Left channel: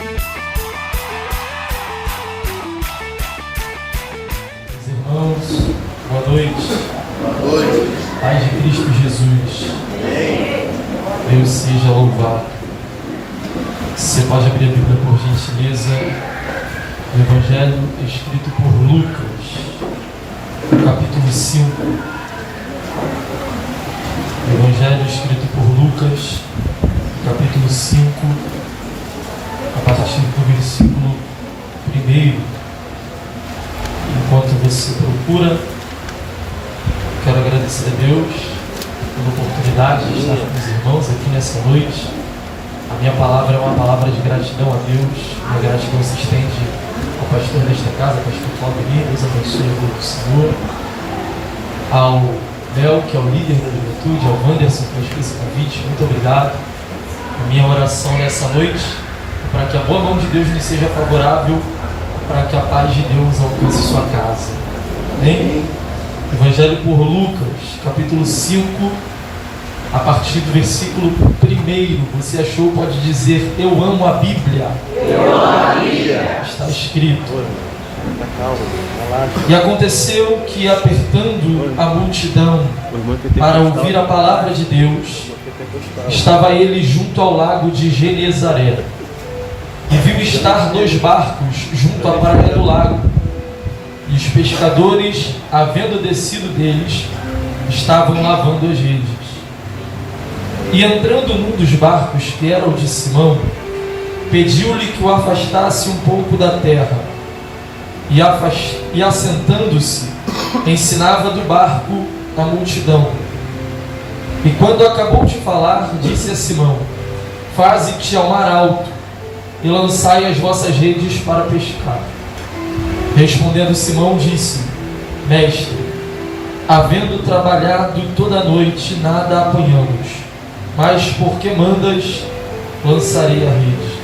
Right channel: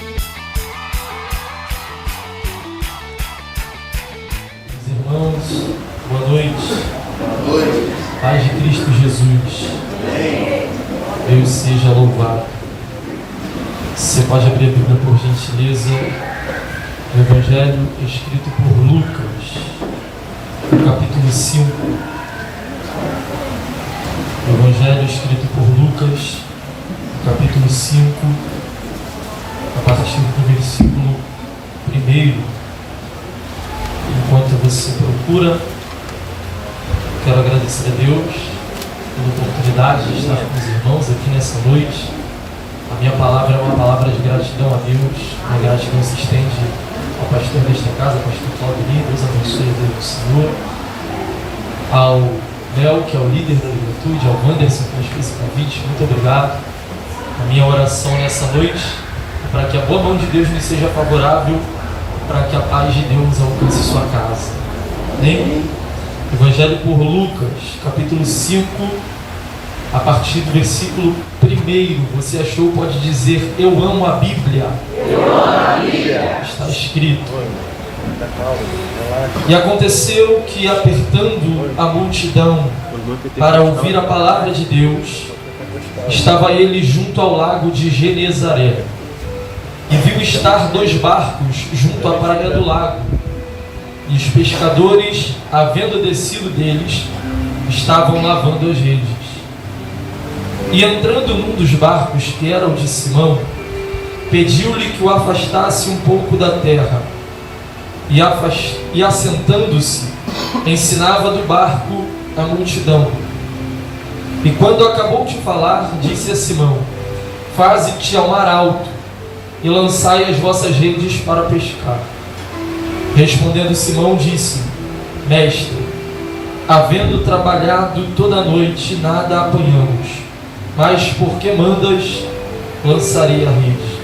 Irmãos, boa noite. Boa noite. Paz de Cristo Jesus. Amém. Deus seja louvado. Você pode abrir a Bíblia por gentileza, o Evangelho escrito por Lucas, no capítulo 5. O Evangelho escrito por Lucas, no capítulo 5, a partir do versículo 1. Enquanto você procura, quero agradecer a Deus pela oportunidade de estar com os irmãos aqui nessa noite. A minha palavra é uma palavra de gratidão a Deus. Minha gratidão se estende ao pastor desta casa, pastor Claudio. Deus abençoe a vida do Senhor. Ao Léo, que é o líder da juventude, ao Wanderson, que fez esse convite, muito obrigado. A minha oração nessa noite é para que a boa mão de Deus nos seja favorável, para que a paz de Deus alcance sua casa. Amém? Evangelho por Lucas, capítulo 5, a partir do versículo 1. Você achou, pode dizer: eu amo a Bíblia. Eu amo a Bíblia. Está escrito: e aconteceu que, apertando a multidão para ouvir a palavra de Deus, estava ele junto ao lago de Genezaré. E viu estar 2 barcos junto à praia do lago. E os pescadores, havendo descido deles, estavam lavando as redes. E entrando num dos barcos, que era o de Simão, pediu-lhe que o afastasse um pouco da terra. E assentando-se, ensinava do barco a multidão. E quando acabou de falar, disse a Simão: faze-te ao mar alto e lançai as vossas redes para pescar. Respondendo Simão, disse: mestre, havendo trabalhado toda a noite, nada apanhamos, mas porque mandas, lançarei a rede.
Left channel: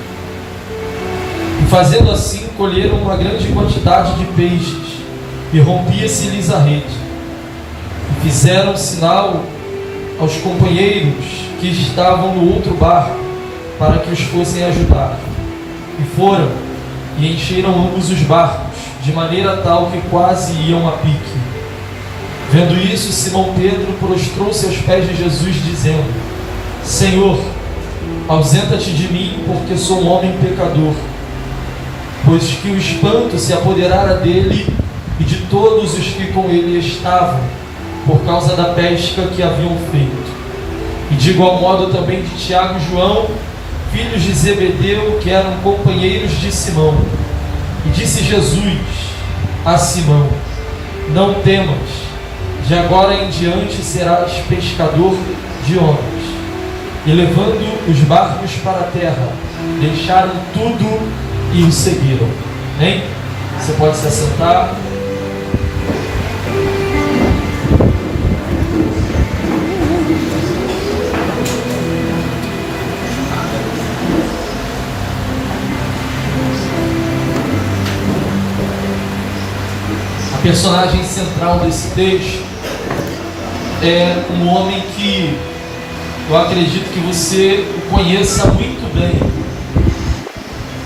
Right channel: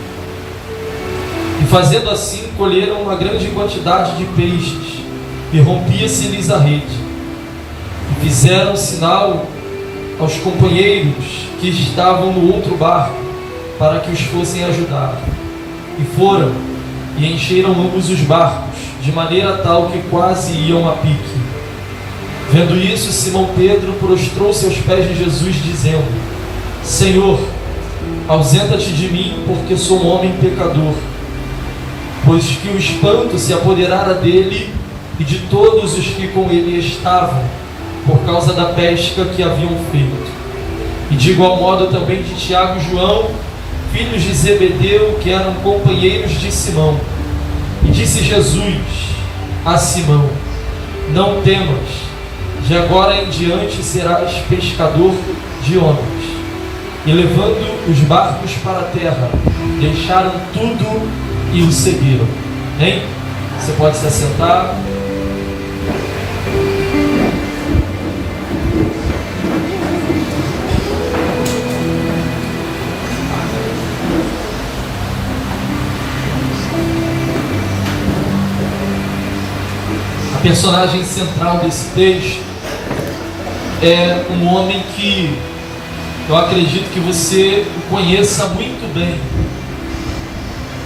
E fazendo assim, colheram uma grande quantidade de peixes, e rompia-se-lhes a rede. E fizeram sinal aos companheiros que estavam no outro barco, para que os fossem ajudar. E foram, e encheram ambos os barcos, de maneira tal que quase iam a pique. Vendo isso, Simão Pedro prostrou-se aos pés de Jesus, dizendo: Senhor, ausenta-te de mim, porque sou um homem pecador. Pois que o espanto se apoderara dele e de todos os que com ele estavam, por causa da pesca que haviam feito. E de igual modo também de Tiago e João, filhos de Zebedeu, que eram companheiros de Simão. E disse Jesus a Simão: não temas, de agora em diante serás pescador de homens. E levando os barcos para a terra, deixaram tudo e o seguiram. Amém? Você pode se assentar. A personagem central desse texto é um homem que eu acredito que você conheça muito bem.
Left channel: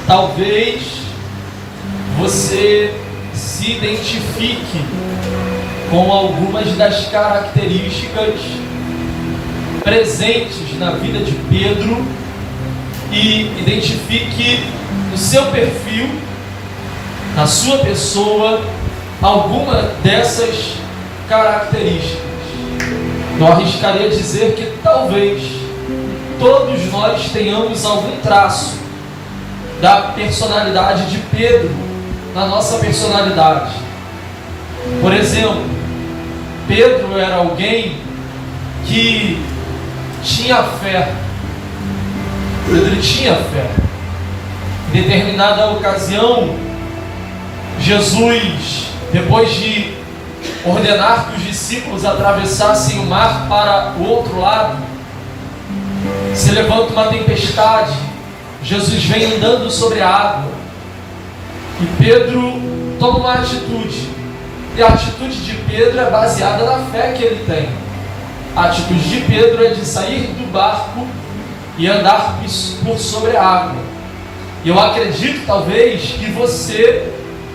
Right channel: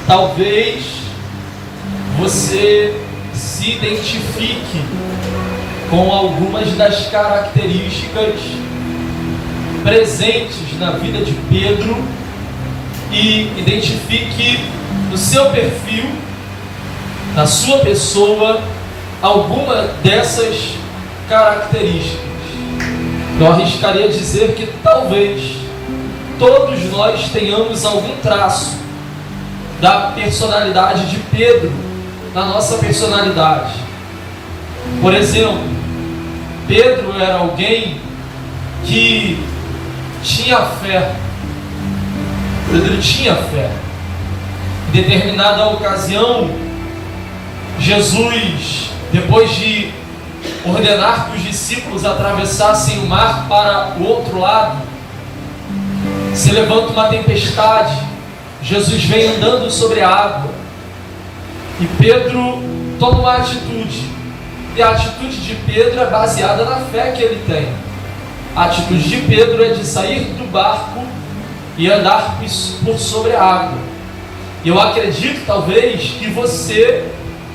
Talvez você se identifique com algumas das características presentes na vida de Pedro e identifique no seu perfil, na sua pessoa, alguma dessas características. Eu arriscaria dizer que talvez todos nós tenhamos algum traço da personalidade de Pedro na nossa personalidade. Por exemplo, Pedro era alguém que tinha fé. Pedro tinha fé. Em determinada ocasião, Jesus, depois de ordenar que os discípulos atravessassem o mar para o outro lado, se levanta uma tempestade. Jesus vem andando sobre a água e Pedro toma uma atitude, e a atitude de Pedro é baseada na fé que ele tem. A atitude de Pedro é de sair do barco e andar por sobre a água. Eu acredito talvez que você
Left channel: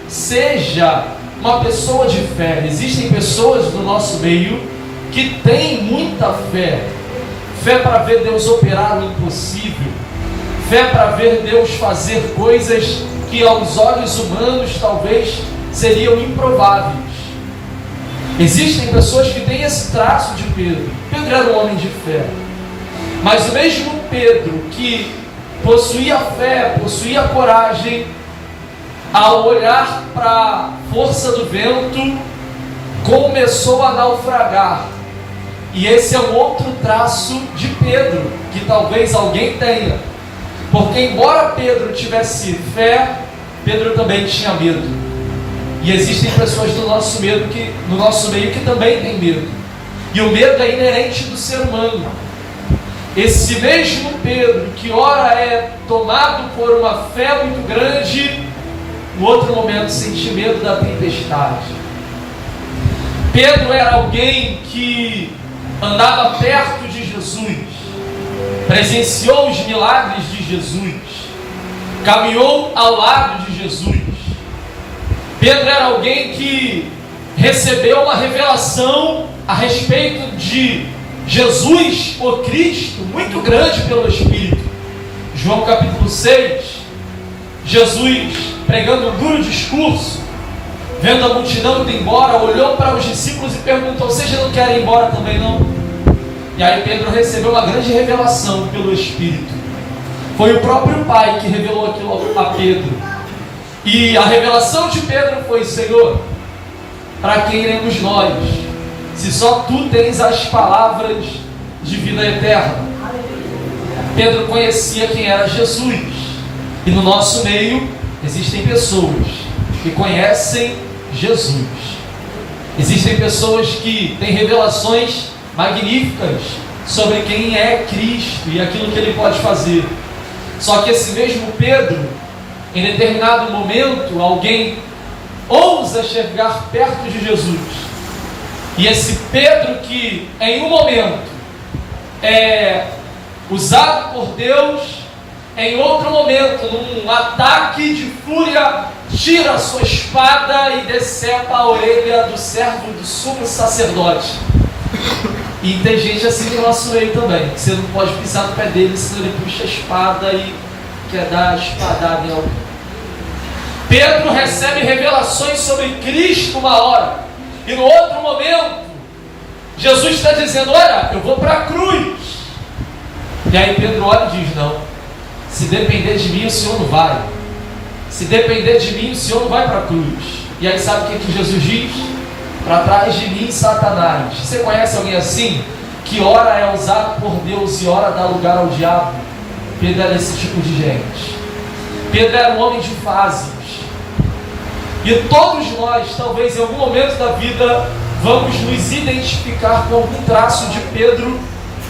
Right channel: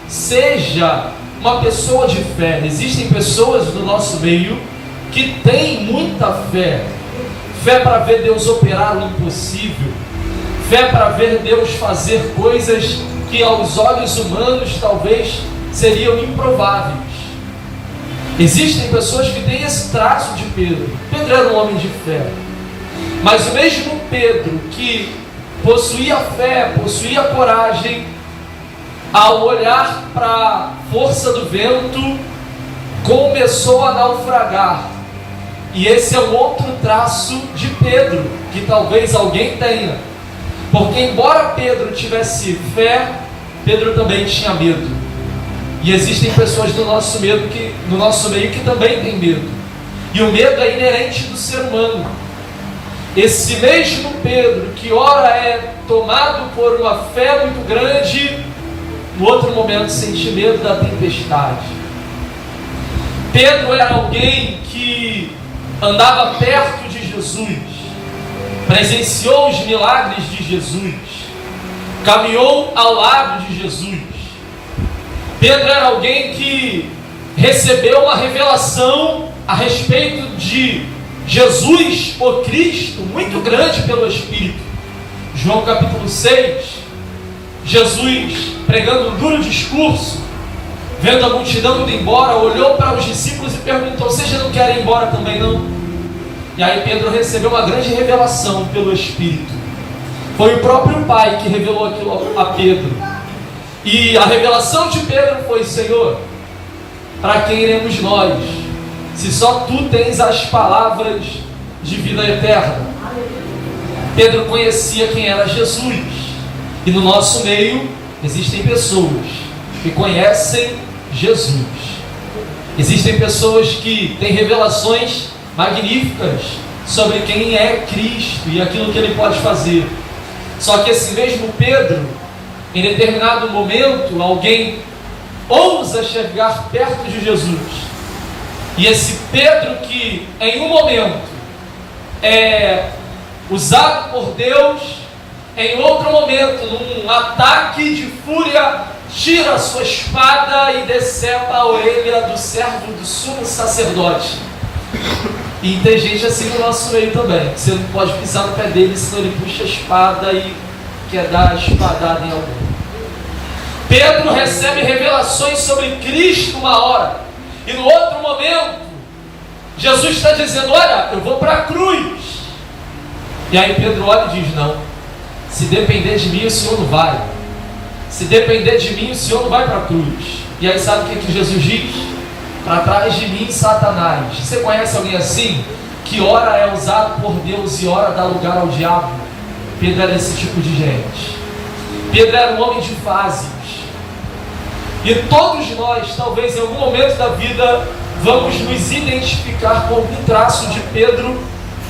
seja uma pessoa de fé. Existem pessoas no nosso meio que têm muita fé. Fé para ver Deus operar o impossível. Fé para ver Deus fazer coisas que aos olhos humanos talvez seriam improváveis. Existem pessoas que têm esse traço de Pedro. Pedro era um homem de fé. Mas o mesmo Pedro que possuía fé, possuía coragem, ao olhar para a força do vento, começou a naufragar. E esse é um outro traço de Pedro, que talvez alguém tenha. Porque embora Pedro tivesse fé, Pedro também tinha medo. E existem pessoas no nosso meio que também têm medo. E o medo é inerente do ser humano. Esse mesmo Pedro, que ora é tomado por uma fé muito grande, no outro momento sente medo da tempestade. Pedro era alguém que andava perto de Jesus, presenciou os milagres de Jesus, caminhou ao lado de Jesus. Pedro era alguém que recebeu uma revelação a respeito de Jesus, o Cristo, muito grande pelo Espírito. João capítulo 6, Jesus pregando um duro discurso, vendo a multidão indo embora, olhou para os discípulos e perguntou: vocês não querem ir embora também não? E aí Pedro recebeu uma grande revelação pelo Espírito. Foi o próprio Pai que revelou aquilo a Pedro. E a revelação de Pedro foi: Senhor, para quem iremos nós, se só Tu tens as palavras de vida eterna? Pedro conhecia quem era Jesus. E no nosso meio existem pessoas que conhecem Jesus. Existem pessoas que têm revelações magníficas sobre quem é Cristo e aquilo que Ele pode fazer. Só que esse mesmo Pedro, em determinado momento, alguém ousa chegar perto de Jesus. E esse Pedro que em um momento é usado por Deus, em outro momento, num ataque de fúria, tira a sua espada e decepa a orelha do servo do sumo sacerdote. E tem gente assim no nosso meio também, que você não pode pisar no pé dele, senão ele puxa a espada e quer dar a espadada em alguém. Pedro recebe revelações sobre Cristo uma hora, e no outro momento Jesus está dizendo: olha, eu vou para a cruz. E aí Pedro olha e diz: não, se depender de mim o Senhor não vai. Se depender de mim o Senhor não vai para a cruz. E aí sabe o que Jesus diz? Para trás de mim, Satanás. Você conhece alguém assim? Que ora é usado por Deus e ora dá lugar ao diabo? Pedro era esse tipo de gente. Pedro era um homem de fases. E todos nós, talvez em algum momento da vida, vamos nos identificar com algum traço de Pedro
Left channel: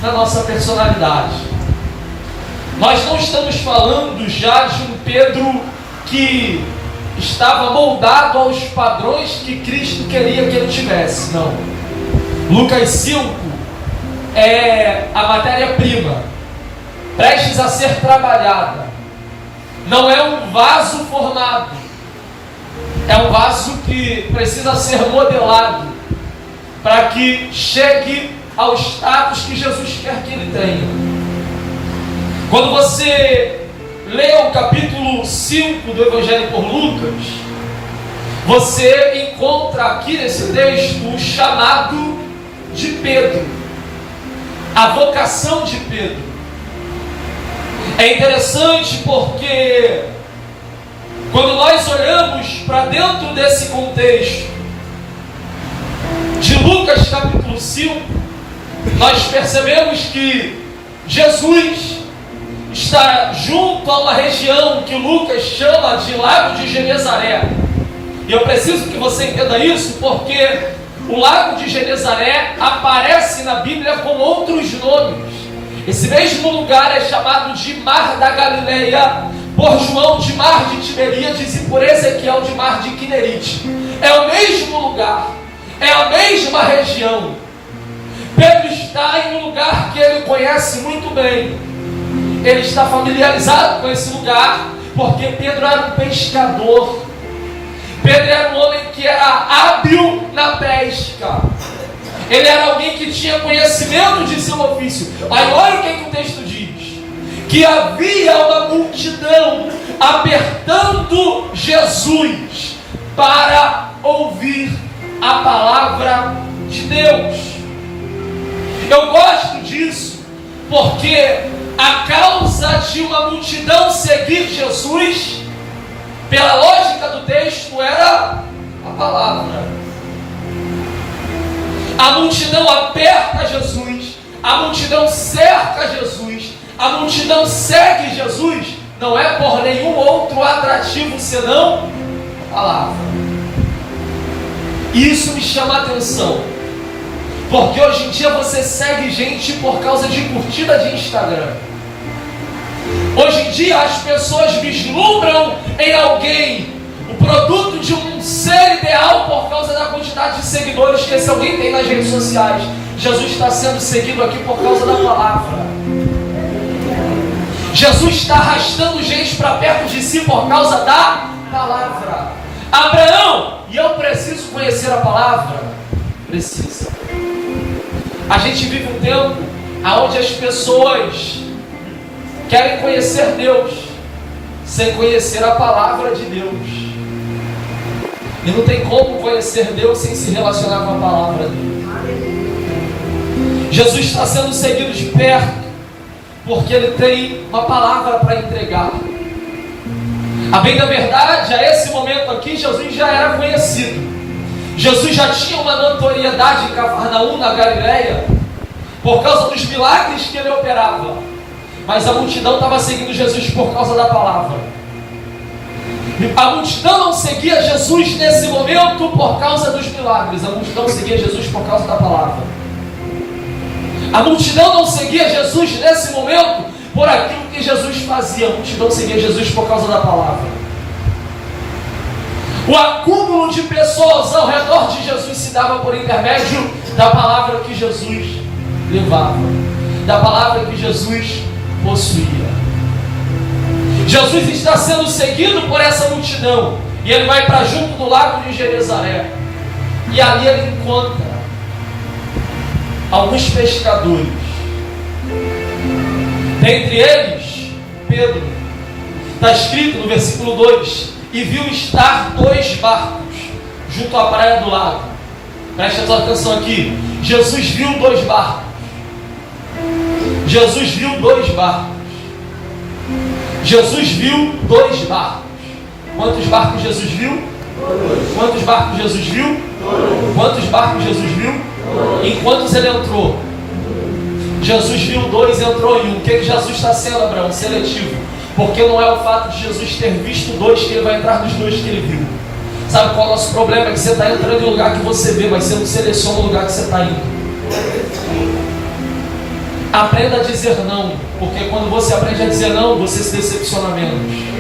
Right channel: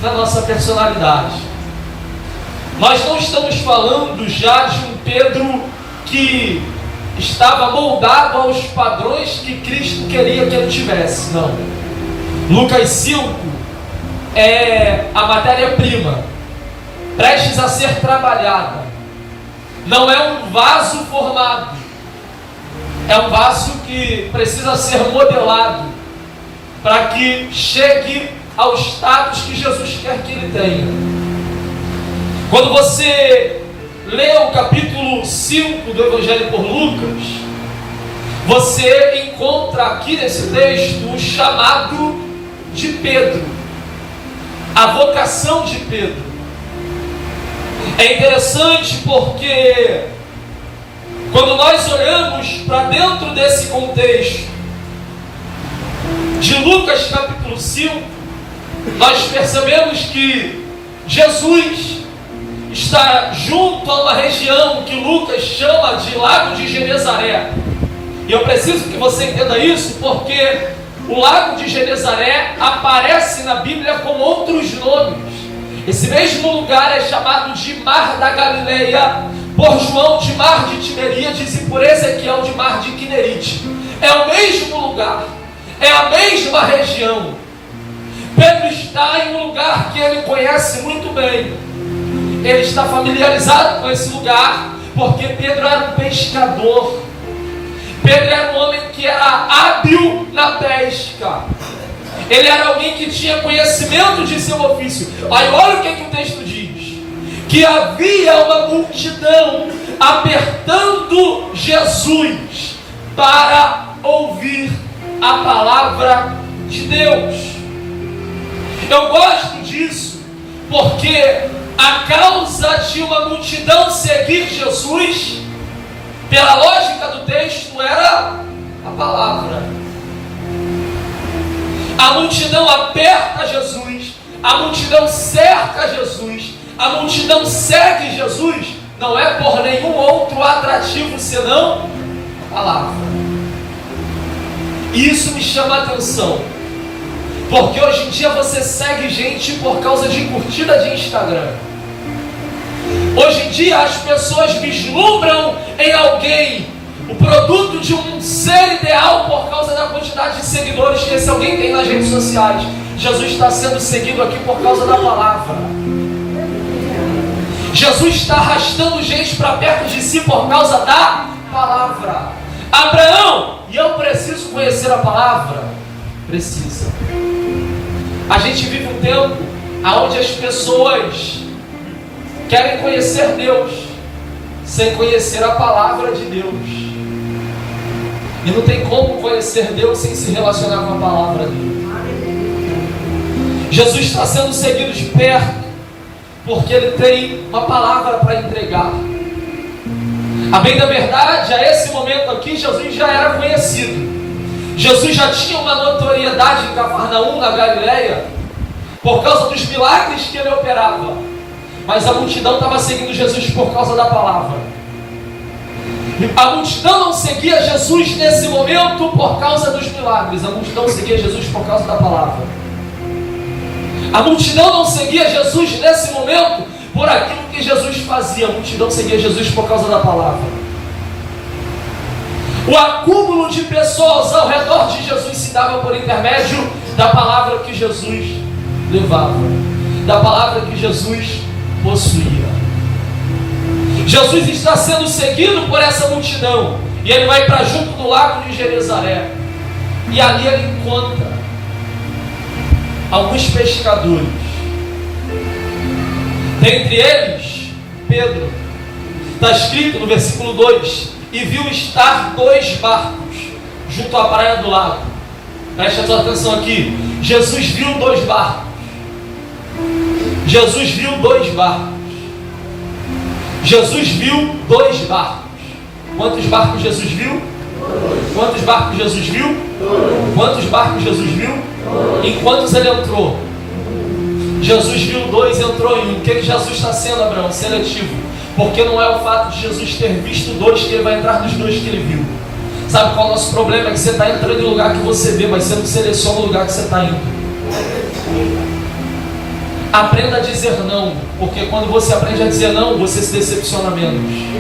na nossa personalidade. Nós não estamos falando já de um Pedro que estava moldado aos padrões que Cristo queria que ele tivesse, não. Lucas 5 é a matéria-prima, prestes a ser trabalhada. Não é um vaso formado, é um vaso que precisa ser modelado para que chegue ao status que Jesus quer que ele tenha. Quando você lê o capítulo 5 do Evangelho por Lucas, você encontra aqui nesse texto o chamado de Pedro, a vocação de Pedro. É interessante porque quando nós olhamos para dentro desse contexto de Lucas capítulo 5, nós percebemos que Jesus está junto a uma região que Lucas chama de Lago de Genezaré. E eu preciso que você entenda isso, porque o Lago de Genezaré aparece na Bíblia com outros nomes. Esse mesmo lugar é chamado de Mar da Galileia, por João de Mar de Tiberíades e por Ezequiel de Mar de Quinerite. É o mesmo lugar, é a mesma região. Pedro está em um lugar que ele conhece muito bem. Ele está familiarizado com esse lugar, Porque Pedro era um pescador. Pedro era um homem que era hábil na pesca. Ele era alguém que tinha conhecimento de seu ofício. Aí olha o que o texto diz: que havia uma multidão apertando Jesus para ouvir a palavra de Deus. Eu gosto disso porque a causa de uma multidão seguir Jesus, pela lógica do texto, era a palavra. A multidão aperta Jesus, a multidão cerca Jesus, a multidão segue Jesus, não é por nenhum outro atrativo senão a palavra. E isso me chama a atenção, porque hoje em dia você segue gente por causa de curtida de Instagram. Hoje em dia as pessoas vislumbram em alguém o produto de um ser ideal por causa da quantidade de seguidores que esse alguém tem nas redes sociais. Jesus está sendo seguido aqui por causa da palavra. Jesus está arrastando gente para perto de si por causa da palavra. Abraão, e eu preciso conhecer a palavra? Precisa. A gente vive um tempo onde as pessoas querem conhecer Deus sem conhecer a palavra de Deus. E não tem como conhecer Deus sem se relacionar com a palavra dele. Jesus está sendo seguido de perto porque ele tem uma palavra para entregar. A bem da verdade, a esse momento aqui, Jesus já era conhecido. Jesus já tinha uma notoriedade em Cafarnaum, na Galileia, por causa dos milagres que ele operava. Mas a multidão estava seguindo Jesus por causa da palavra. A multidão não seguia Jesus nesse momento por causa dos milagres. A multidão seguia Jesus por causa da palavra. A multidão não seguia Jesus nesse momento por aquilo que Jesus fazia. A multidão seguia Jesus por causa da palavra. O acúmulo de pessoas ao redor de Jesus se dava por intermédio da palavra que Jesus levava, da palavra que Jesus possuía. Jesus está sendo seguido por essa multidão, e ele vai para junto do lago de Genezaré, e ali ele encontra alguns pescadores, dentre eles Pedro. Está escrito no versículo 2: e viu estar 2 barcos junto à praia do lago. Preste atenção aqui. Jesus viu 2 barcos. Jesus viu 2 barcos. Jesus viu 2 barcos. Quantos barcos Jesus viu? 2. Quantos barcos Jesus viu? 2. Quantos barcos Jesus viu? 2. Em quantos ele entrou? Jesus viu 2 e entrou em 1. O que Jesus está sendo, Abraão? Seletivo. Porque não é o fato de Jesus ter visto 2 que ele vai entrar nos 2 que ele viu. Sabe qual é o nosso problema? É que você está entrando em lugar que você vê, mas você não seleciona o lugar que você está indo. Aprenda a dizer não, porque quando você aprende a dizer não, você se decepciona menos.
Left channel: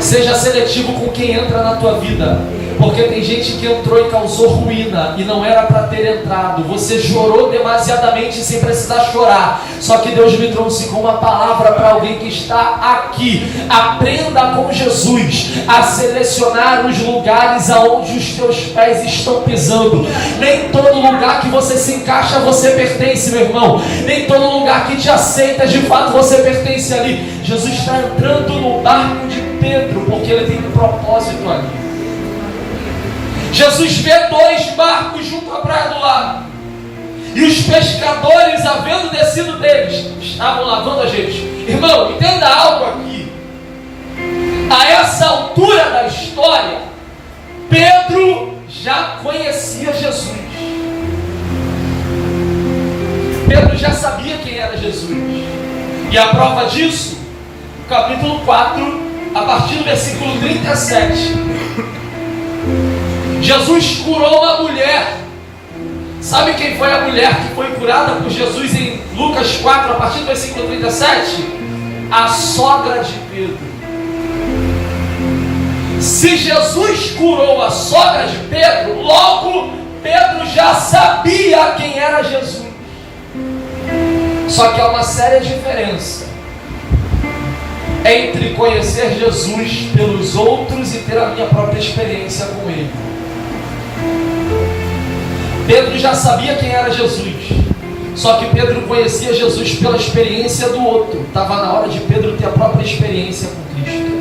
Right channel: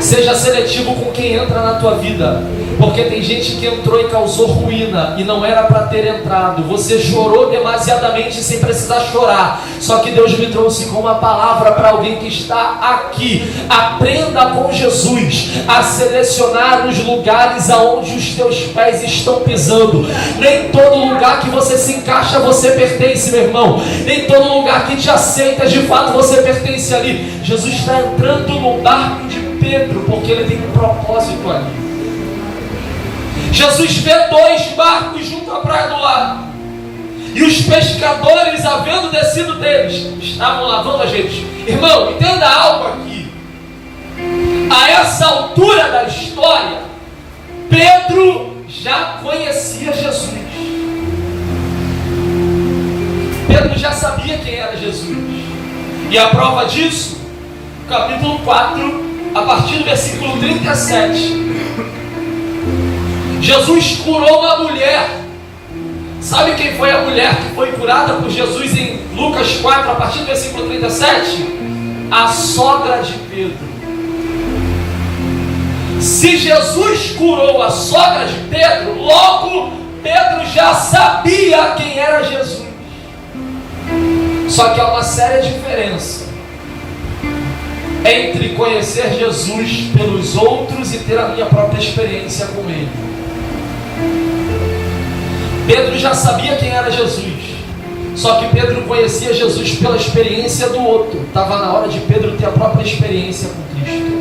Seja seletivo com quem entra na tua vida, porque tem gente que entrou e causou ruína e não era para ter entrado. Você chorou demasiadamente sem precisar chorar, só que Deus me trouxe com uma palavra para alguém que está aqui. Aprenda com Jesus a selecionar os lugares aonde os teus pés estão pisando. Nem todo lugar que você se encaixa você pertence, meu irmão. Nem todo lugar que te aceita de fato você pertence ali. Jesus está entrando no barco de Pedro porque ele tem um propósito ali. Jesus vê 2 barcos junto à praia do lago, e os pescadores, havendo descido deles, estavam lavando a gente. Irmão, entenda algo aqui. A essa altura da história, Pedro já conhecia Jesus. Pedro já sabia quem era Jesus. E a prova disso, capítulo 4, a partir do versículo 37. Jesus curou uma mulher. Sabe quem foi a mulher que foi curada por Jesus em Lucas 4, a partir do versículo 37? A sogra de Pedro. Se Jesus curou a sogra de Pedro, logo Pedro já sabia quem era Jesus. Só que há uma séria diferença entre conhecer Jesus pelos outros e ter a minha própria experiência com Ele. Pedro já sabia quem era Jesus, só que Pedro conhecia Jesus pela experiência do outro. Estava na hora de Pedro ter a própria experiência com Cristo.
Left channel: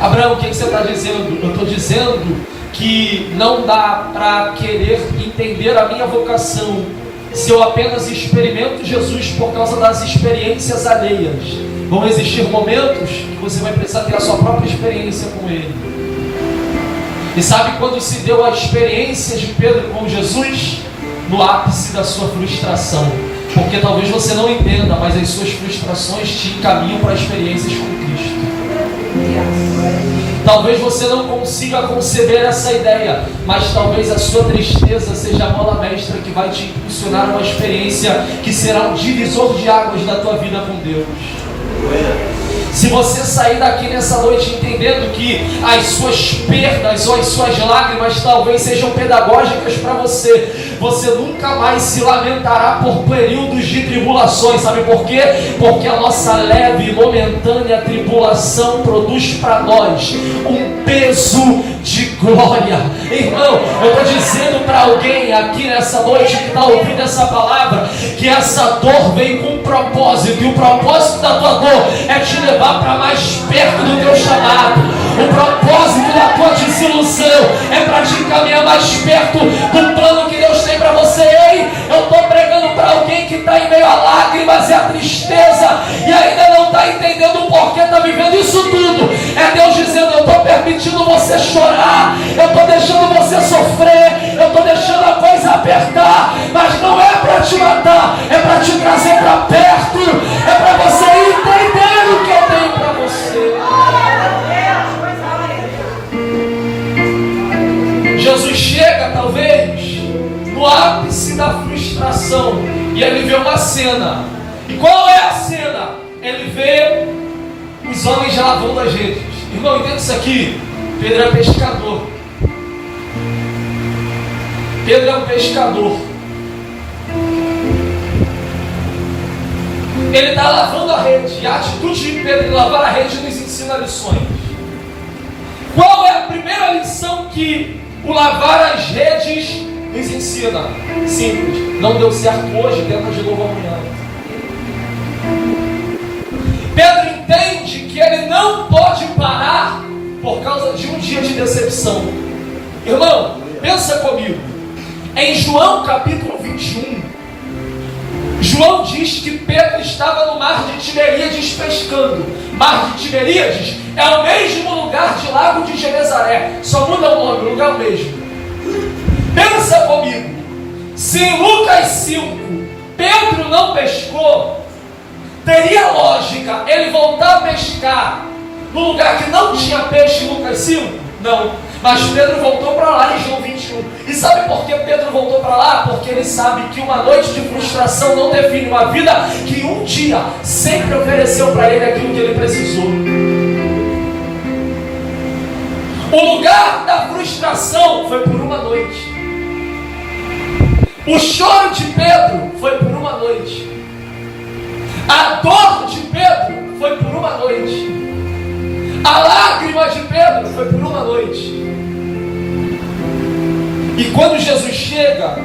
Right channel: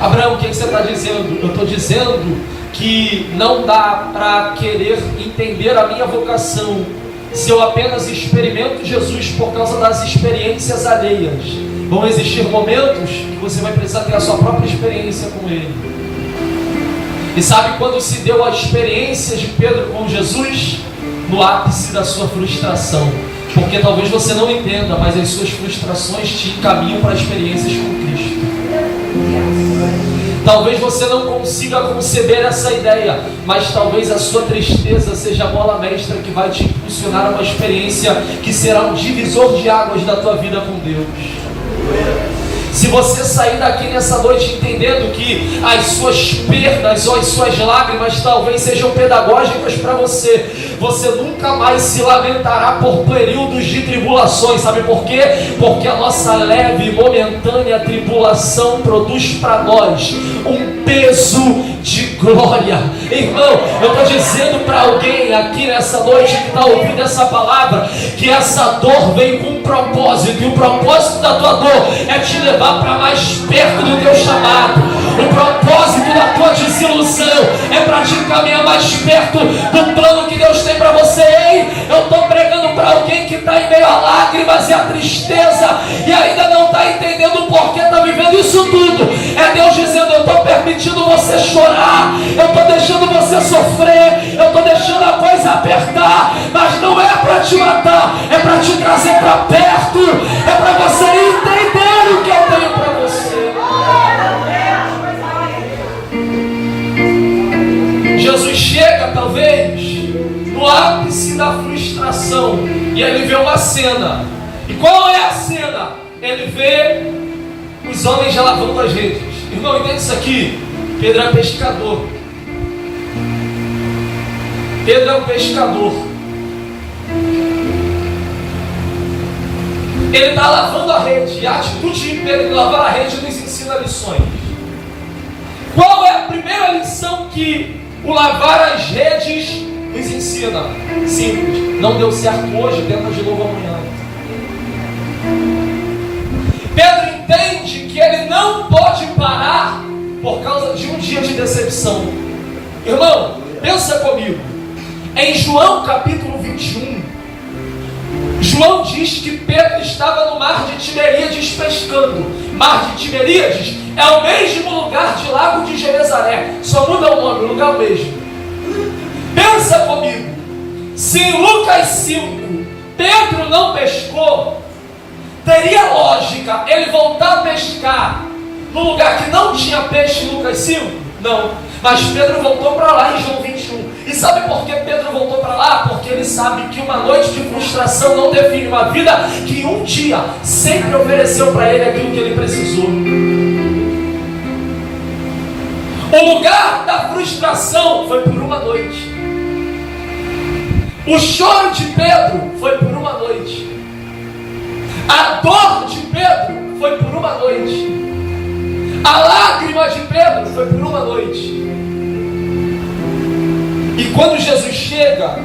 Abraão, o que você está dizendo? Eu estou dizendo que não dá para querer entender a minha vocação se eu apenas experimento Jesus por causa das experiências alheias. Vão existir momentos que você vai precisar ter a sua própria experiência com Ele. E sabe quando se deu a experiência de Pedro com Jesus? No ápice da sua frustração. Porque talvez você não entenda, mas as suas frustrações te encaminham para experiências com Cristo. Talvez você não consiga conceber essa ideia, mas talvez a sua tristeza seja a mola mestra que vai te impulsionar uma experiência que será um divisor de águas da tua vida com Deus. Se você sair daqui nessa noite entendendo que as suas perdas ou as suas lágrimas talvez sejam pedagógicas para você, você nunca mais se lamentará por períodos de tribulações. Sabe por quê? Porque a nossa leve e momentânea tribulação produz para nós um peso de glória. Irmão, eu estou dizendo para alguém aqui nessa noite que está ouvindo essa palavra, que essa dor vem com um propósito, e o propósito da tua dor é te levar para mais perto do teu chamado. O propósito da tua desilusão é para te encaminhar mais perto do plano que Deus tem para você. Ei, eu estou pregando para alguém que está em meio a lágrimas e a tristeza e ainda não está entendendo o porquê está vivendo isso tudo. É Deus dizendo: eu estou permitindo você chorar, eu estou deixando você sofrer, eu estou deixando a coisa apertar, mas não é para te matar, é para te trazer para perto, é para você entender o que eu tenho para você. Jesus chega talvez no ápice da frustração e ele vê uma cena. E qual é a cena? Ele vê os homens lavando as redes. Irmão, entende isso aqui? Pedro é pescador. Pedro é um pescador. Ele está lavando a rede. E a atitude de Pedro de lavar a rede nos ensina lições. Qual é a primeira lição que o lavar as redes nos ensina? Simples: não deu certo hoje, tenta de novo amanhã. Pedro entende que ele não pode parar por causa de um dia de decepção. Irmão, pensa comigo. Em João capítulo 21, João diz que Pedro estava no mar de Tiberíades pescando. Mar de Tiberíades é o mesmo lugar de Lago de Genezaré, só muda o nome, o lugar é o mesmo. Pensa comigo, se em Lucas 5 Pedro não pescou, teria lógica ele voltar a pescar no lugar que não tinha peixe em Lucas 5? Não, mas Pedro voltou para lá em João 21. E sabe por que Pedro voltou para lá? Porque ele sabe que uma noite de frustração não define uma vida que um dia sempre ofereceu para ele aquilo que ele precisou. O lugar da frustração foi por uma noite. O choro de Pedro foi por uma noite. A dor de Pedro foi por uma noite. A lágrima de Pedro foi por uma noite. E quando Jesus chega,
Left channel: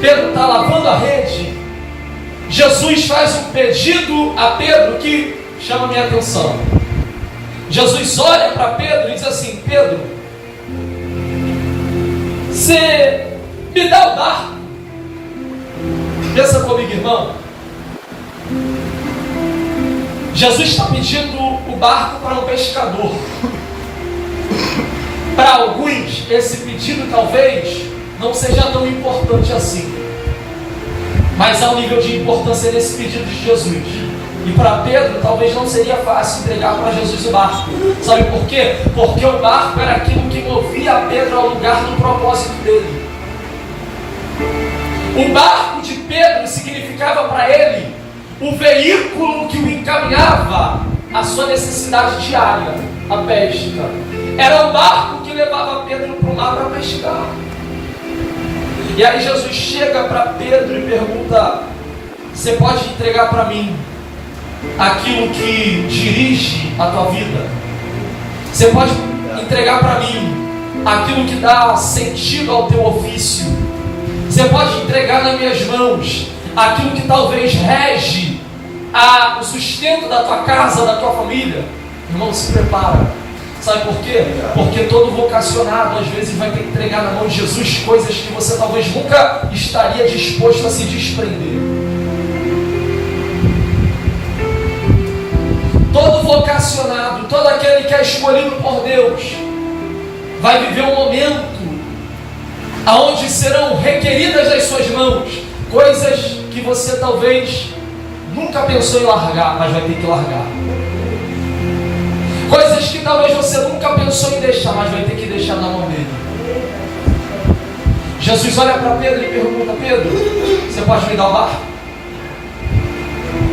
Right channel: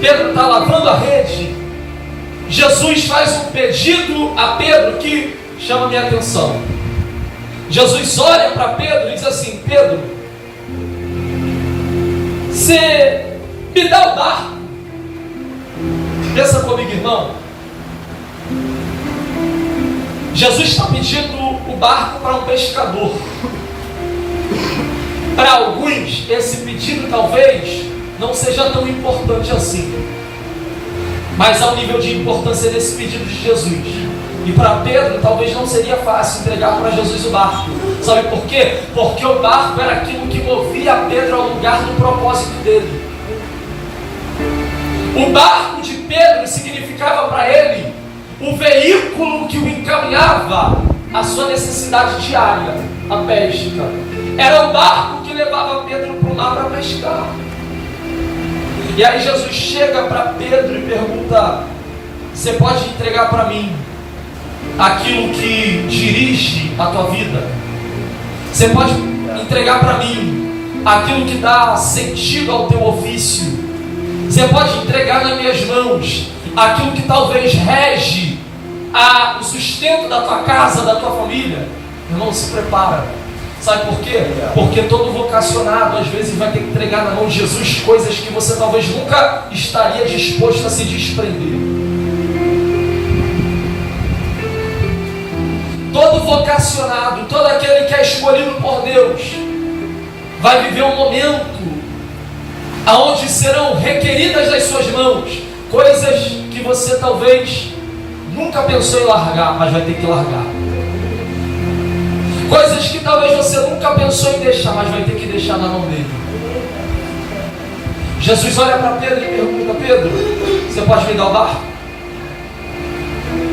Pedro está lavando a rede. Jesus faz um pedido a Pedro que chama minha atenção. Jesus olha para Pedro e diz assim: Pedro, você me dá o barco? Pensa comigo, irmão. Jesus está pedindo o barco para um pescador. Para alguns, esse pedido talvez não seja tão importante assim, mas há um nível de importância nesse pedido de Jesus. E para Pedro talvez não seria fácil entregar para Jesus o barco. Sabe por quê? Porque o barco era aquilo que movia Pedro ao lugar do propósito dele. O barco de Pedro significava para ele o veículo que o encaminhava à sua necessidade diária, a pesca. Era o barco que levava Pedro para o mar para pescar. E aí Jesus chega para Pedro e pergunta: você pode entregar para mim aquilo que dirige a tua vida. Você pode entregar para mim aquilo que dá sentido ao teu ofício. Você pode entregar nas minhas mãos aquilo que talvez rege o sustento da tua casa, da tua família. Irmão, se prepara. Sabe por quê? Porque todo vocacionado às vezes vai ter que entregar na mão de Jesus coisas que você talvez nunca estaria disposto a se desprender. Todo vocacionado, todo aquele que é escolhido por Deus, vai viver um momento aonde serão requeridas das suas mãos coisas que você talvez nunca pensou em largar, mas vai ter que largar. Coisas que talvez você nunca pensou em deixar, mas vai ter que deixar na mão dele. Jesus olha para Pedro e pergunta: Pedro, você pode me dar o barco?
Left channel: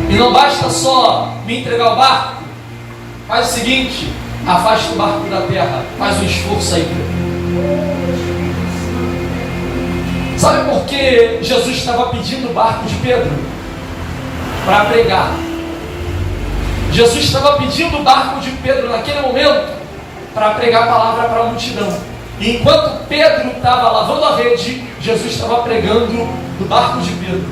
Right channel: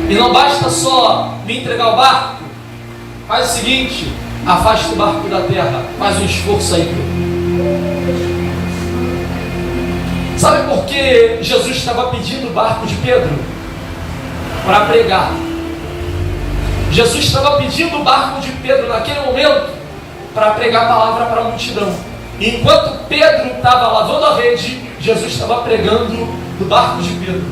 E não basta só me entregar o barco. Faz o seguinte: afasta o barco da terra, faz um esforço aí, Pedro. Sabe por que Jesus estava pedindo o barco de Pedro? Para pregar. Jesus estava pedindo o barco de Pedro naquele momento para pregar a palavra para a multidão. E enquanto Pedro estava lavando a rede, Jesus estava pregando do barco de Pedro.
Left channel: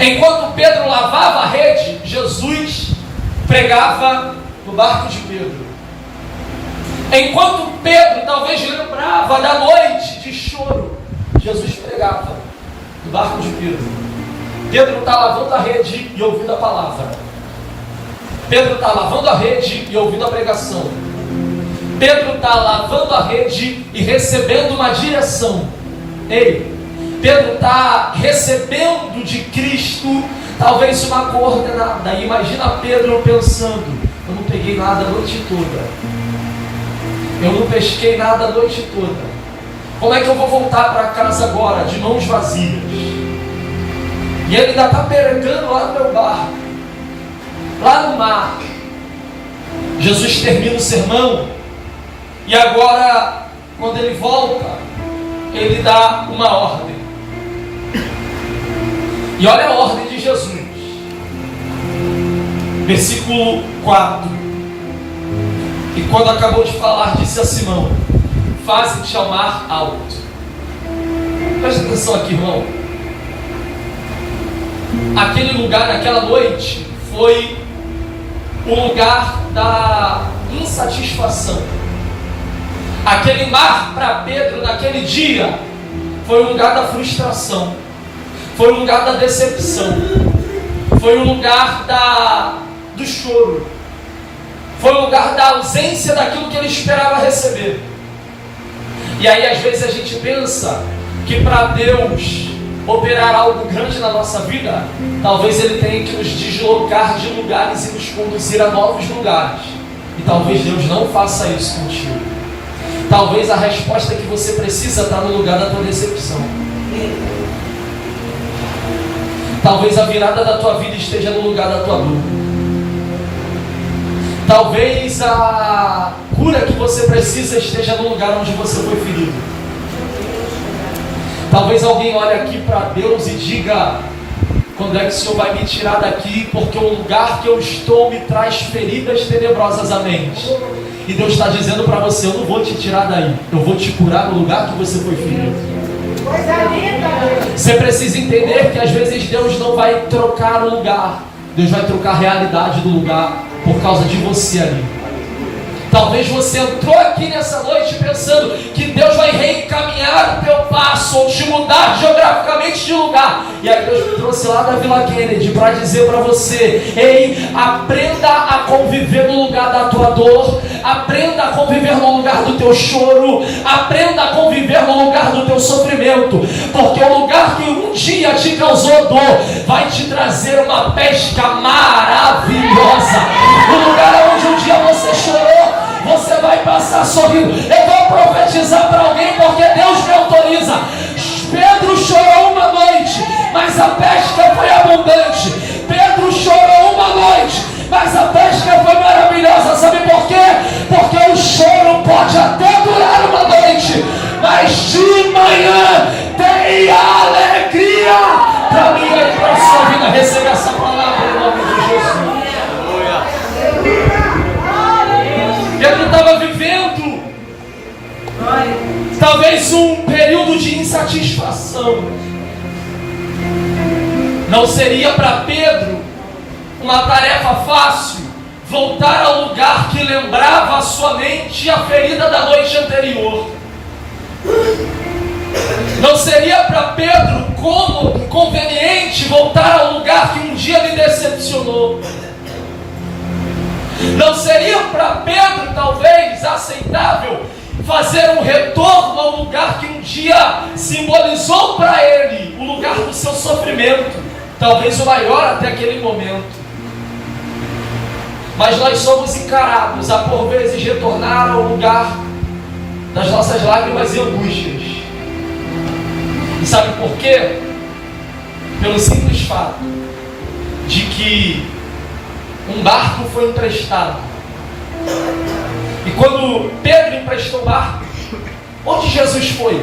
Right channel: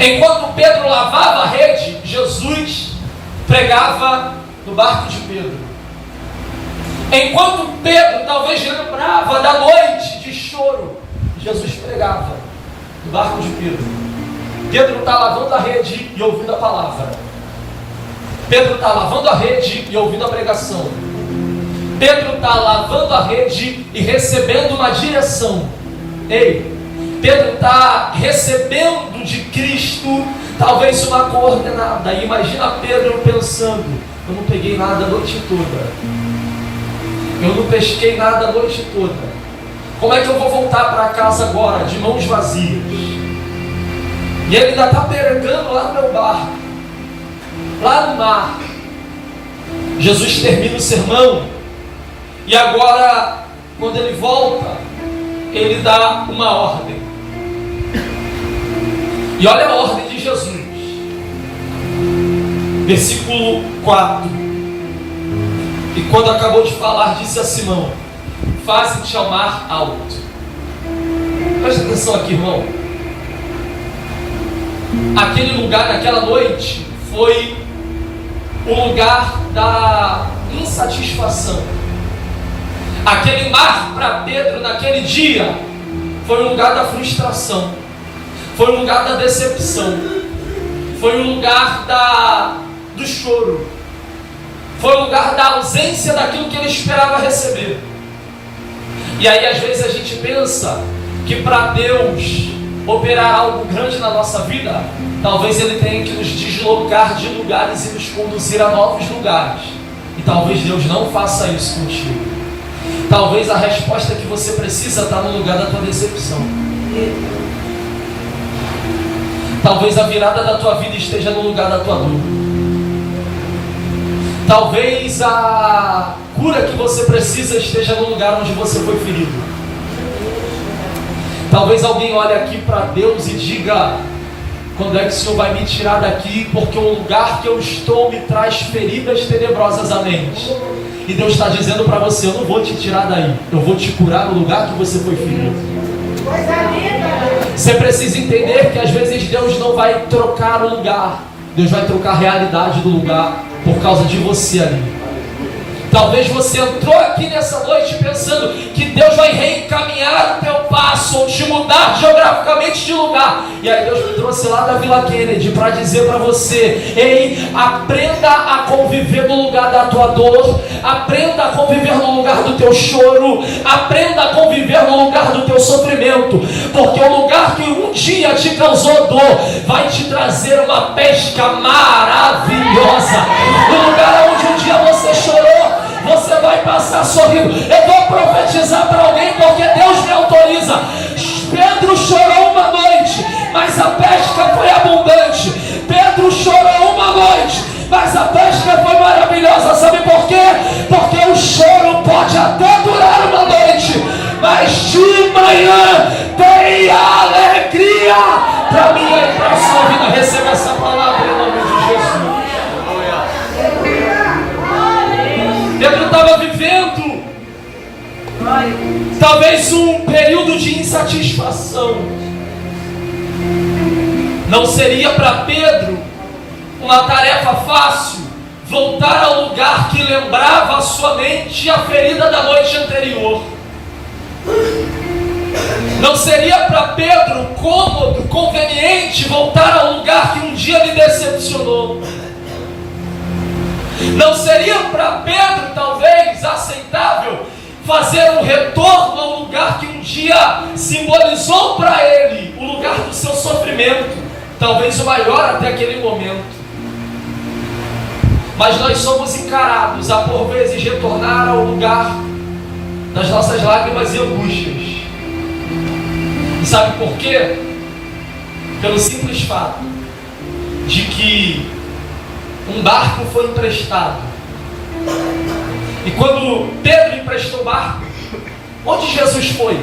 Enquanto Pedro lavava a rede, Jesus pregava do barco de Pedro. Enquanto Pedro talvez lembrava da noite de choro, Jesus pregava do barco de Pedro. Pedro está lavando a rede e ouvindo a palavra. Pedro está lavando a rede e ouvindo a pregação. Pedro está lavando a rede e recebendo uma direção. Ei, Pedro está recebendo de Cristo talvez uma coordenada. E imagina Pedro pensando: eu não peguei nada a noite toda, eu não pesquei nada a noite toda. Como é que eu vou voltar para casa agora de mãos vazias? E ele ainda está pregando lá no meu barco, lá no mar. Jesus termina o sermão e agora, quando ele volta, ele dá uma ordem. E olha a ordem de Jesus. Versículo 4. E quando acabou de falar, disse a Simão: faze-te ao mar alto. Presta atenção aqui, irmão. Aquele lugar, naquela noite, foi o lugar da insatisfação. Aquele mar para Pedro naquele dia foi o lugar da frustração, foi o lugar da decepção, foi o lugar do choro, foi o lugar da ausência daquilo que ele esperava receber. E aí às vezes a gente pensa que para Deus operar algo grande na nossa vida, talvez Ele tenha que nos deslocar de lugares e nos conduzir a novos lugares. E talvez Deus não faça isso contigo. Talvez a resposta que você precisa está no lugar da tua decepção. Talvez a virada da tua vida esteja no lugar da tua dor. Talvez a cura que você precisa esteja no lugar onde você foi ferido. Talvez alguém olhe aqui para Deus e diga: quando é que o Senhor vai me tirar daqui? Porque o lugar que eu estou me traz feridas tenebrosas à mente. E Deus está dizendo para você: eu não vou te tirar daí, eu vou te curar no lugar que você foi ferido. Você precisa entender que às vezes Deus não vai trocar o lugar, Deus vai trocar a realidade do lugar por causa de você ali. Talvez você entrou aqui nessa noite pensando que Deus vai reencaminhar o teu passo ou te mudar geograficamente de lugar. E aí Deus me trouxe lá da Vila Kennedy para dizer para você: ei, aprenda a conviver no lugar da tua dor, aprenda a conviver no lugar do teu choro, aprenda a conviver no lugar do teu sofrimento, porque o lugar que um dia te causou dor vai te trazer uma pesca maravilhosa. No lugar onde um dia você chorou, você vai passar sorrindo. Eu vou profetizar para alguém, porque Deus me autoriza. Pedro chorou uma noite, mas a pesca foi abundante. Pedro chorou uma noite, mas a pesca foi maravilhosa. Sabe por quê? Porque o choro pode até durar uma noite, mas de manhã tem alegria. Para mim e para a sua vida, receba essa palavra em nome de Jesus. insatisfação. Não seria para Pedro uma tarefa fácil voltar ao lugar que lembrava a sua mente a ferida da noite anterior. Não seria para Pedro cômodo, conveniente voltar ao lugar que um dia lhe decepcionou. Não seria para Pedro, talvez, aceitável fazer um retorno ao lugar que um dia simbolizou para ele o lugar do seu sofrimento, talvez o maior até aquele momento. Mas nós somos encarados a por vezes retornar ao lugar das nossas lágrimas e angústias. E sabe por quê? Pelo simples fato de que um barco foi emprestado. E quando Pedro emprestou o barco, onde Jesus foi?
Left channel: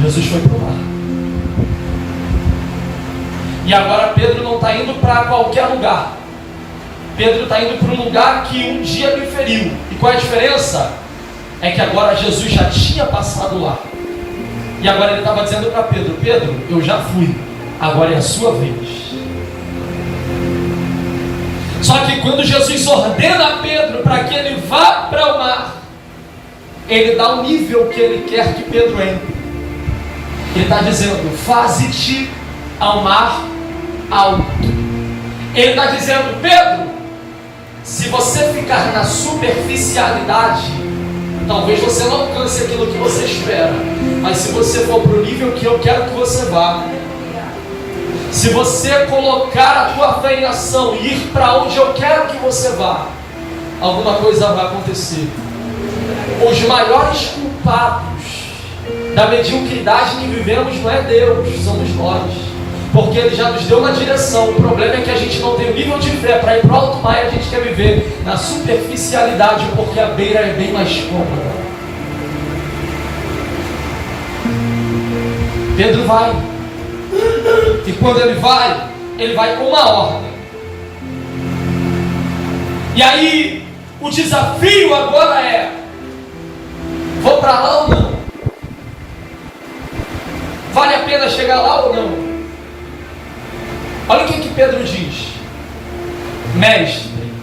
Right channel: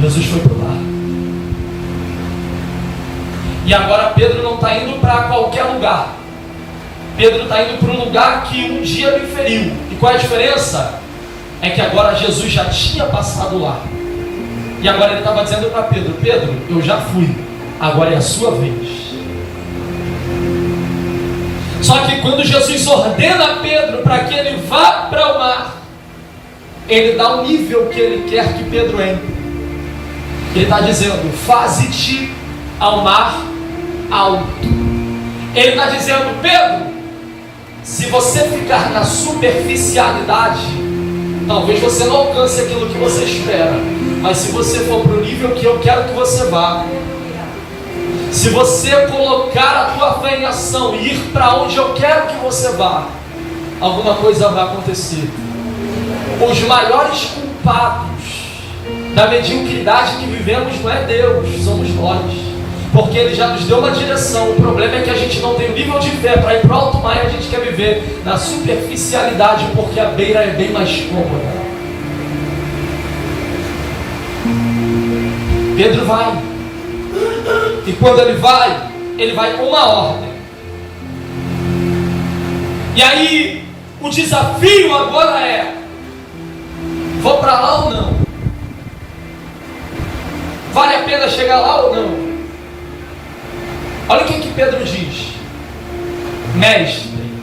Jesus foi para o mar. E agora Pedro não está indo para qualquer lugar. Pedro está indo para um lugar que um dia me feriu. E qual é a diferença? É que agora Jesus já tinha passado lá. E agora ele estava dizendo para Pedro: Pedro, eu já fui, agora é a sua vez. Só que quando Jesus ordena a Pedro para que ele vá para o mar, ele dá o nível que ele quer que Pedro entre. Ele está dizendo: faze-te ao mar alto. Ele está dizendo: Pedro, se você ficar na superficialidade, talvez você não alcance aquilo que você espera. Mas se você for para o nível que eu quero que você vá, se você colocar a tua fé em ação e ir para onde eu quero que você vá, alguma coisa vai acontecer. Os maiores culpados da mediocridade que vivemos não é Deus, somos nós. Porque Ele já nos deu uma direção. O problema é que a gente não tem o nível de fé para ir para o alto mar e a gente quer viver na superficialidade, porque a beira é bem mais cômoda. Pedro vai. E quando ele vai com uma ordem. E aí, o desafio agora é: vou para lá ou não? Vale a pena chegar lá ou não? Olha o que Pedro diz: Mestre,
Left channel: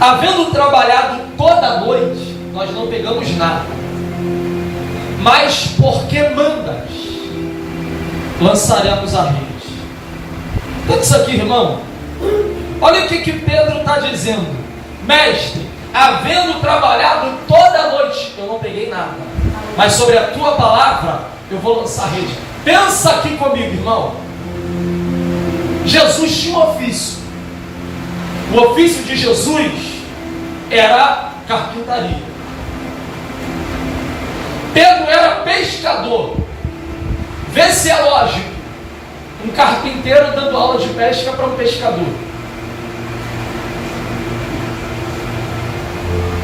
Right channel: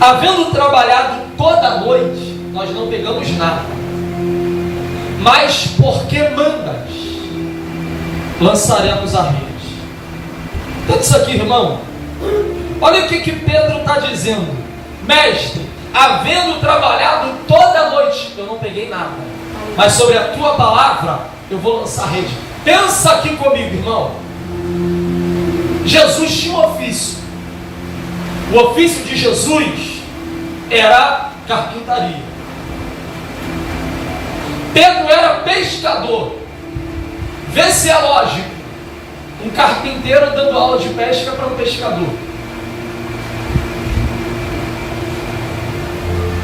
havendo trabalhado toda a noite, nós não pegamos nada, mas porque mandas, lançaremos a rede. Tudo isso aqui, irmão. Olha o que Pedro está dizendo: Mestre, havendo trabalhado toda a noite, eu não peguei nada, mas sobre a tua palavra eu vou lançar a rede. Pensa aqui comigo, irmão. Jesus tinha um ofício. O ofício de Jesus era carpintaria. Pedro era pescador. Vê se é lógico um carpinteiro dando aula de pesca para um pescador.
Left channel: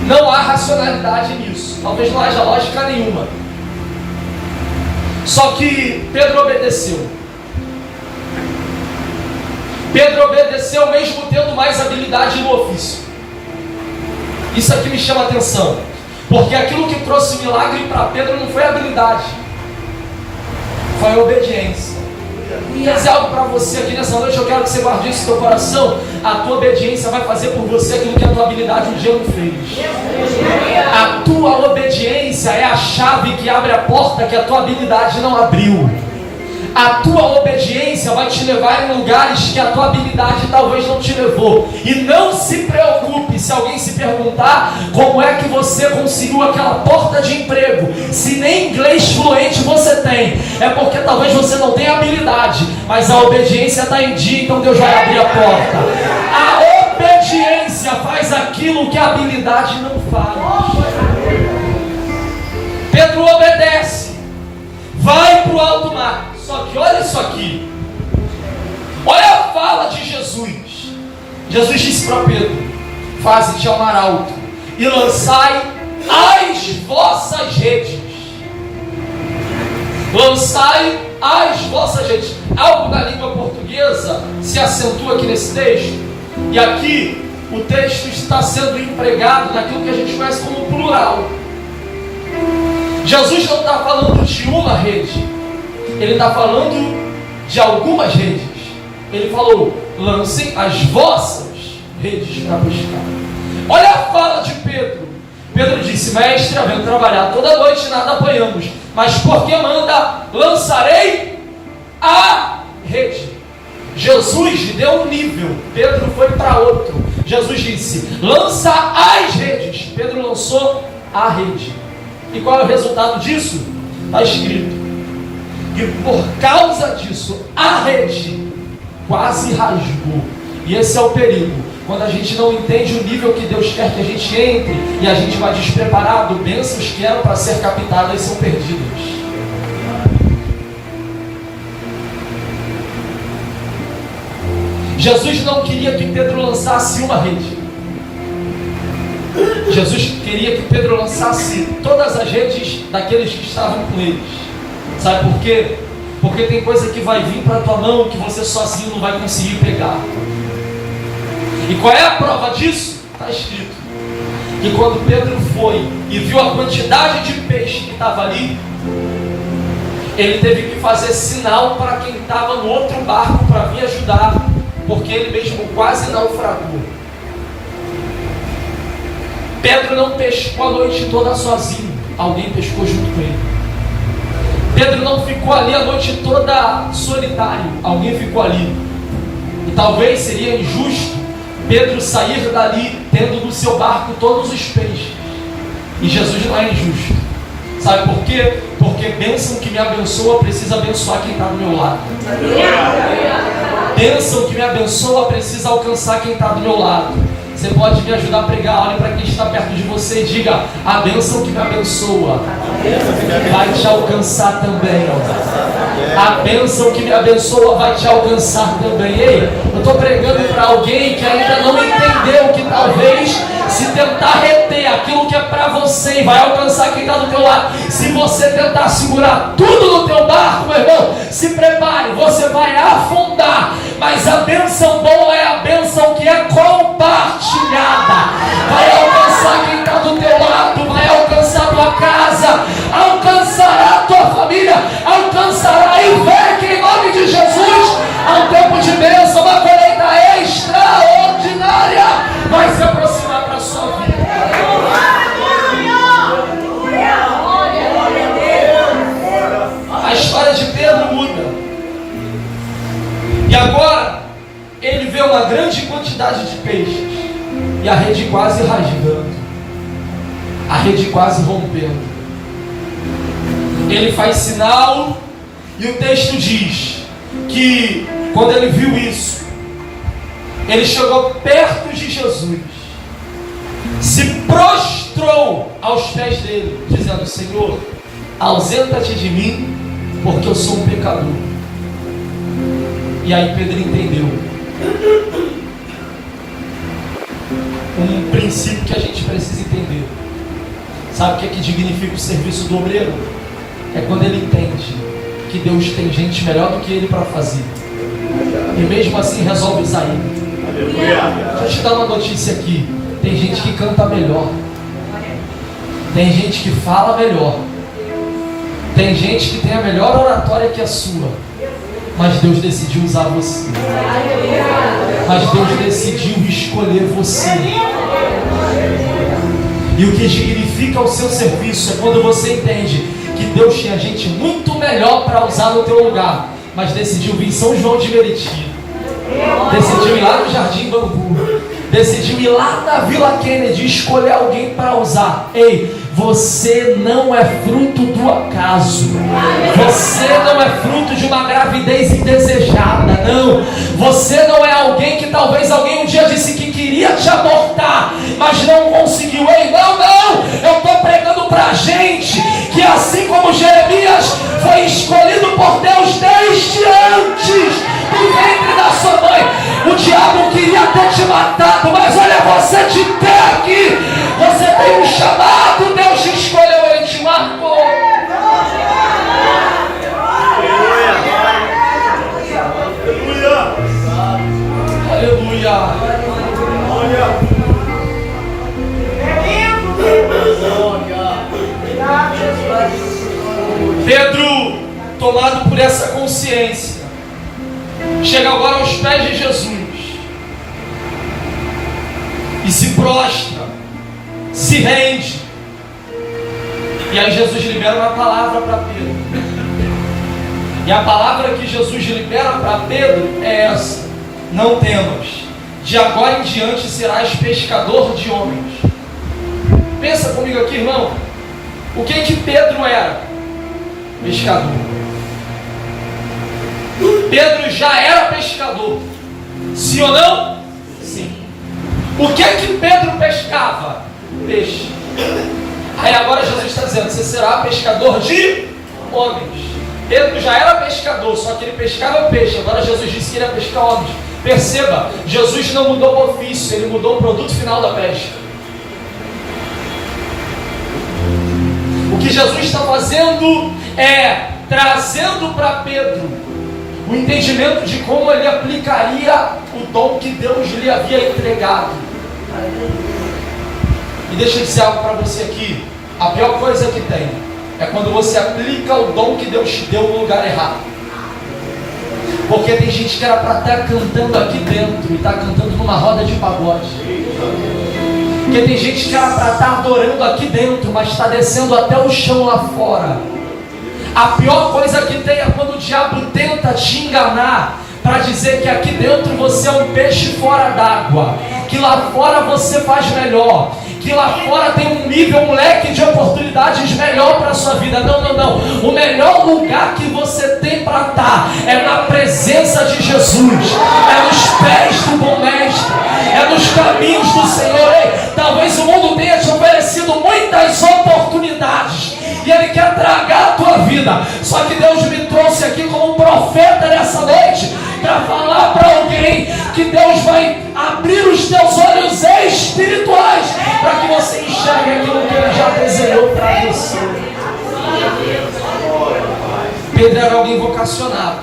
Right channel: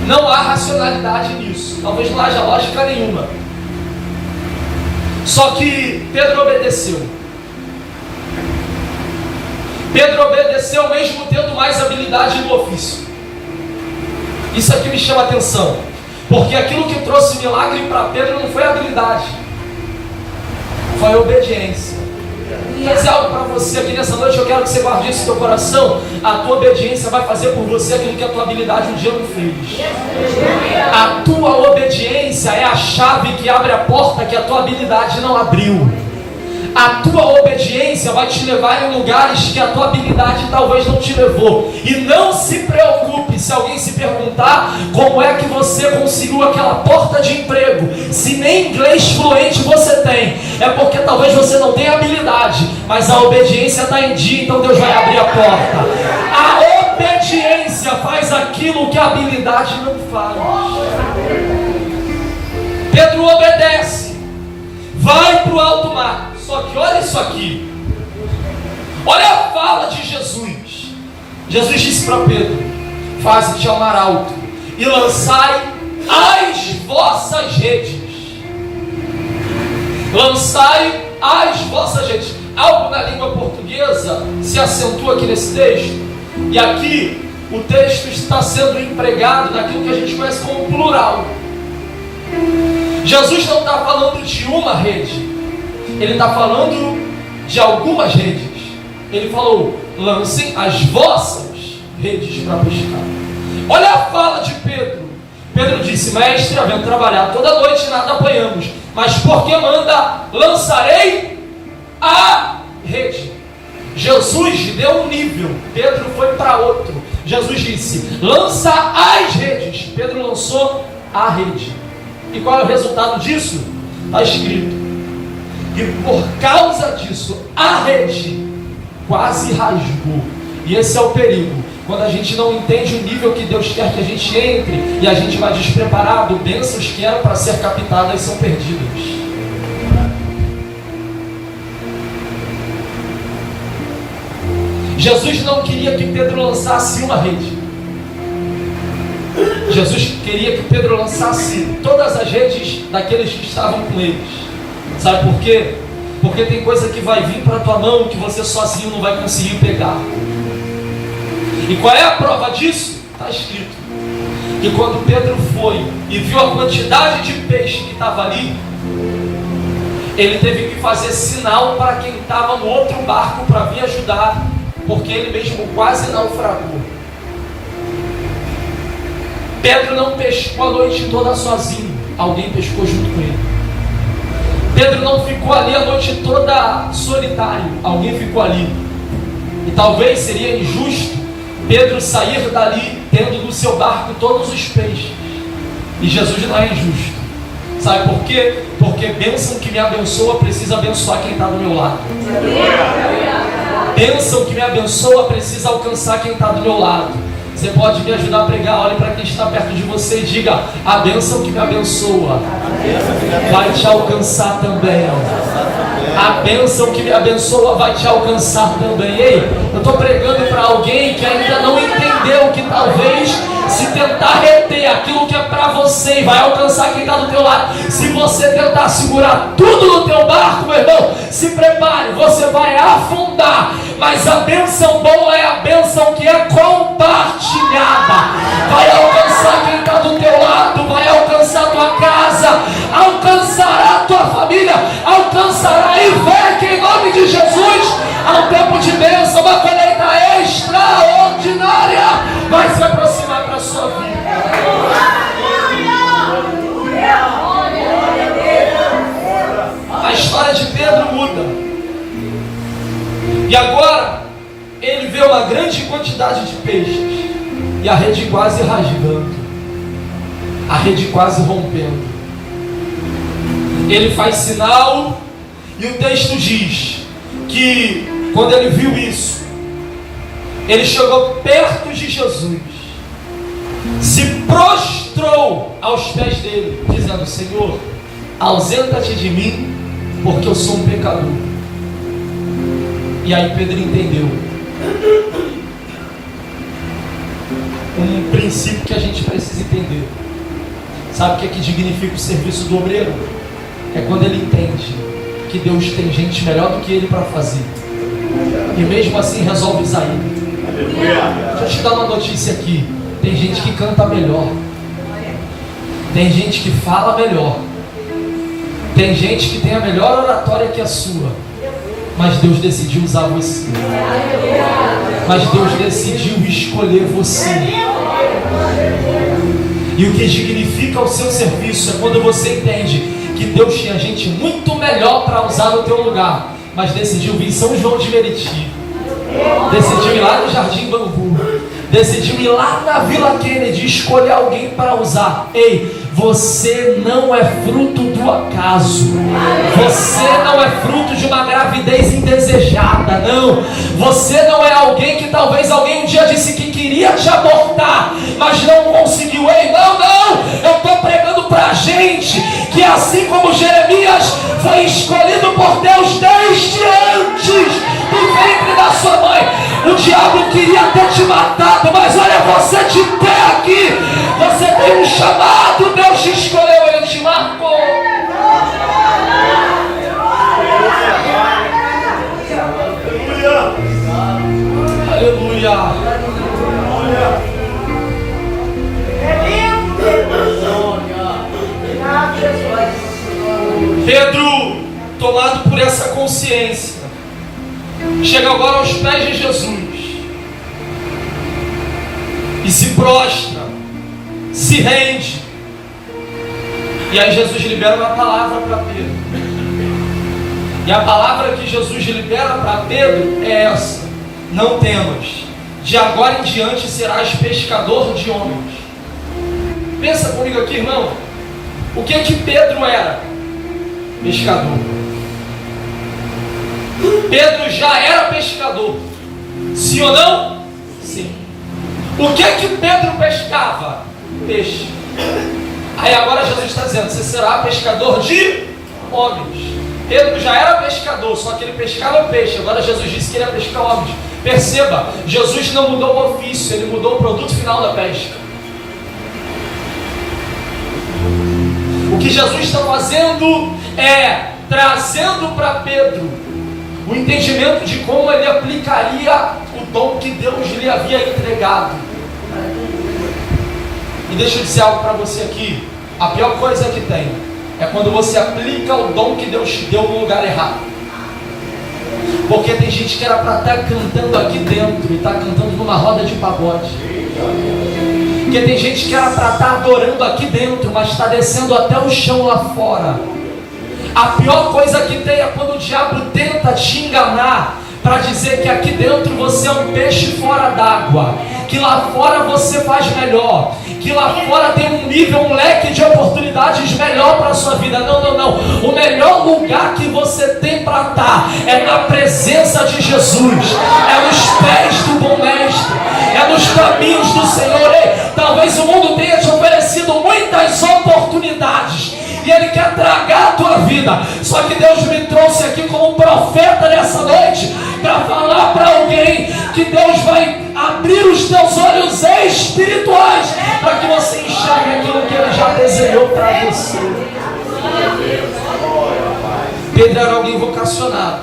Não há racionalidade nisso. Talvez não haja lógica nenhuma. Só que Pedro obedeceu. Pedro obedeceu mesmo tendo mais habilidade no ofício. Isso aqui me chama a atenção, porque aquilo que trouxe milagre para Pedro não foi habilidade, foi obediência. Quer dizer algo para você aqui nessa noite? Eu quero que você guarde isso no teu coração. A tua obediência vai fazer por você aquilo que a tua habilidade um dia não fez. A tua obediência é a chave que abre a porta que a tua habilidade não abriu. A tua obediência vai te levar em lugares que a tua habilidade talvez não te levou. E não se preocupe se alguém se perguntar como é que você conseguiu aquela porta de emprego. Se nem inglês fluente você tem, é porque talvez você não tenha habilidade, mas a obediência está em dia, então Deus vai abrir a porta. A obediência faz aquilo que a habilidade não faz. Pedro obedece, vai para o alto mar. Só que olha isso aqui. Olha a fala de Jesus. Jesus disse para Pedro: faze-te ao mar alto e lançai as vossas redes. Lançai as vossas redes. Algo na língua portuguesa se acentua aqui nesse texto. E aqui o texto está sendo empregado naquilo que a gente conhece como plural. Jesus não está falando de uma rede, ele está falando de algumas redes. Ele falou: lancem as vossas redes para pescar. Olha a fala de Pedro. Pedro disse: mestre, havendo trabalhado toda noite e nada apanhamos, mas porque manda, lançarei a rede. Jesus deu um nível, Pedro foi para outro. Jesus disse: lança as redes. Pedro lançou a rede. E qual é o resultado disso? Está escrito que por causa disso a rede quase rasgou. E esse é o perigo, quando a gente não entende o nível que Deus quer que a gente entre e a gente vai despreparado, bênçãos que eram para ser captadas são perdidas. Jesus não queria que Pedro lançasse uma rede. Jesus queria que Pedro lançasse todas as redes daqueles que estavam com eles. Sabe por quê? Porque tem coisa que vai vir para a tua mão que você sozinho não vai conseguir pegar. E qual é a prova disso? Está escrito que quando Pedro foi e viu a quantidade de peixe que estava ali, ele teve que fazer sinal para quem estava no outro barco para vir ajudar, porque ele mesmo quase naufragou. Pedro não pescou a noite toda sozinho, alguém pescou junto com ele. Pedro não ficou ali a noite toda solitário, alguém ficou ali. E talvez seria injusto Pedro sair dali tendo no seu barco todos os peixes. E Jesus não é injusto. Sabe por quê? Porque bênção que me abençoa precisa abençoar quem está do meu lado. Bênção que me abençoa precisa alcançar quem está do meu lado. Você pode me ajudar a pregar? Olhe para quem está perto de você e diga: a bênção que me abençoa vai te alcançar também. A bênção que me abençoa vai te alcançar também. Ei, eu estou pregando para alguém que ainda não entendeu que talvez, se tentar reter aquilo que é para você e vai alcançar quem está do teu lado, se você tentar segurar tudo no teu barco, meu irmão, se prepare, você vai afundar. Mas a bênção boa é a bênção que é compartilhada. Vai alcançar quem está do teu lado, vai alcançar a tua casa, alcançará a tua família, alcançará. E fé que em nome de Jesus há um tempo de bênção, uma colheita extraordinária vai se aproximar para a sua vida. A história de Pedro muda. E agora ele vê uma grande quantidade de peixes e a rede quase rasgando, a rede quase rompendo. Ele faz sinal e o texto diz que quando ele viu isso, ele chegou perto de Jesus, se prostrou aos pés dele, dizendo: Senhor, ausenta-te de mim, porque eu sou um pecador. E aí Pedro entendeu um princípio que a gente precisa entender. Sabe o que é que dignifica o serviço do obreiro? É quando ele entende que Deus tem gente melhor do que ele para fazer, e mesmo assim resolve usar ele. Deixa eu te dar uma notícia aqui: tem gente que canta melhor, tem gente que fala melhor, tem gente que tem a melhor oratória que a sua, mas Deus decidiu usar você. Mas Deus decidiu escolher você. E o que significa o seu serviço é quando você entende que Deus tinha gente muito melhor para usar no teu lugar, mas decidiu vir em São João de Meriti, decidiu ir lá no Jardim Bambu, decidiu ir lá na Vila Kennedy, escolher alguém para usar. Ei, você não é fruto do acaso. Você não é fruto de uma gravidez indesejada. Não. Você não é alguém que talvez alguém um dia disse que queria te abortar, mas não conseguiu. Ei, não. Eu estou pregando para gente que assim como Jeremias foi escolhido por Deus desde antes do ventre da sua mãe, o diabo queria ter te matado, mas olha você de pé aqui. Você tem um chamado, Deus te escolheu, Ele te marcou. Aleluia. Pedro, tomado por essa consciência, chega agora aos pés de Jesus e se prostra, se rende. E aí Jesus libera uma palavra para Pedro. E a palavra que Jesus libera para Pedro é essa: não temas, de agora em diante serás pescador de homens. Pensa comigo aqui, irmão. O que Pedro era? Pescador. Pedro já era pescador. Sim ou não? Sim. O que Pedro pescava? Peixe. Aí agora Jesus está dizendo: você será pescador de homens. Pedro já era pescador, só que ele pescava peixe. Agora Jesus disse que ele ia pescar homens. Perceba, Jesus não mudou o ofício, ele mudou o produto final da pesca. O que Jesus está fazendo é trazendo para Pedro o entendimento de como ele aplicaria o dom que Deus lhe havia entregado. E deixa eu dizer algo para você aqui: a pior coisa que tem é quando você aplica o dom que Deus te deu no lugar errado. Porque tem gente que era para estar cantando aqui dentro e está cantando numa roda de pagode. Porque tem gente que era para estar adorando aqui dentro, mas está descendo até o chão lá fora. A pior coisa que tem é quando o diabo tenta te enganar para dizer que aqui dentro você é um peixe fora d'água, que lá fora você faz melhor, que lá fora tem um nível, um leque de oportunidades melhor para a sua vida. Não, não, não. O melhor lugar que você tem para estar é na presença de Jesus, é nos pés do bom mestre, é nos caminhos do Senhor. Ei, talvez o mundo tenha te oferecido muitas oportunidades e ele quer tragar a tua vida. Só que Deus me trouxe aqui como um profeta nessa noite para falar para alguém que Deus vai abrir os teus olhos espirituais para que você enxergue aquilo que ele já desenhou para você. Pedro era alguém vocacionado.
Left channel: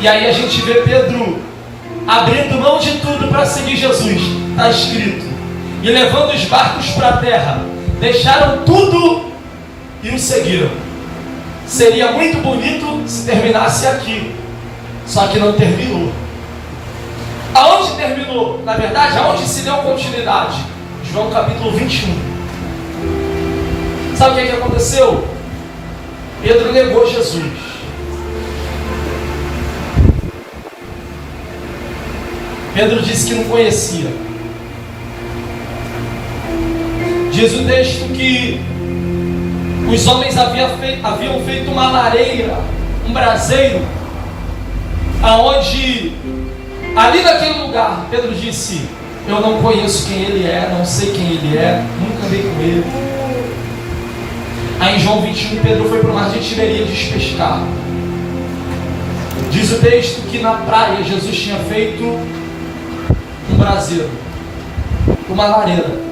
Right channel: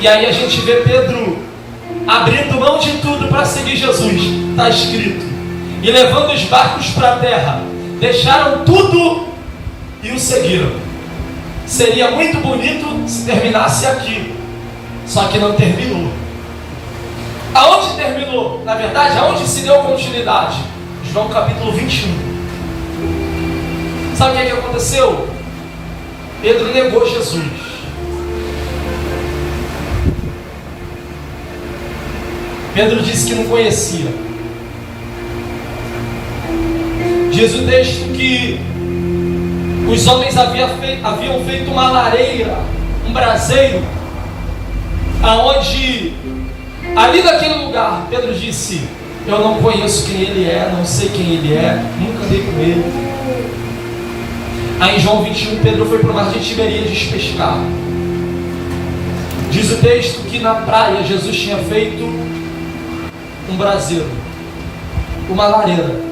E aí a gente vê Pedro abrindo mão de tudo para seguir Jesus. Está escrito: e levando os barcos para a terra, deixaram tudo e o seguiram. Seria muito bonito se terminasse aqui, só que não terminou. Aonde terminou? Na verdade, aonde se deu continuidade? João capítulo 21. Sabe o que aconteceu? Pedro negou Jesus. Pedro disse que não conhecia. Diz o texto que os homens haviam feito uma lareira, um braseiro, aonde, ali naquele lugar, Pedro disse: eu não conheço quem ele é, não sei quem ele é, nunca andei com ele. Aí em João 21, Pedro foi para o mar de Tiberíades pescar. Diz o texto que na praia Jesus tinha feito um braseiro, uma lareira.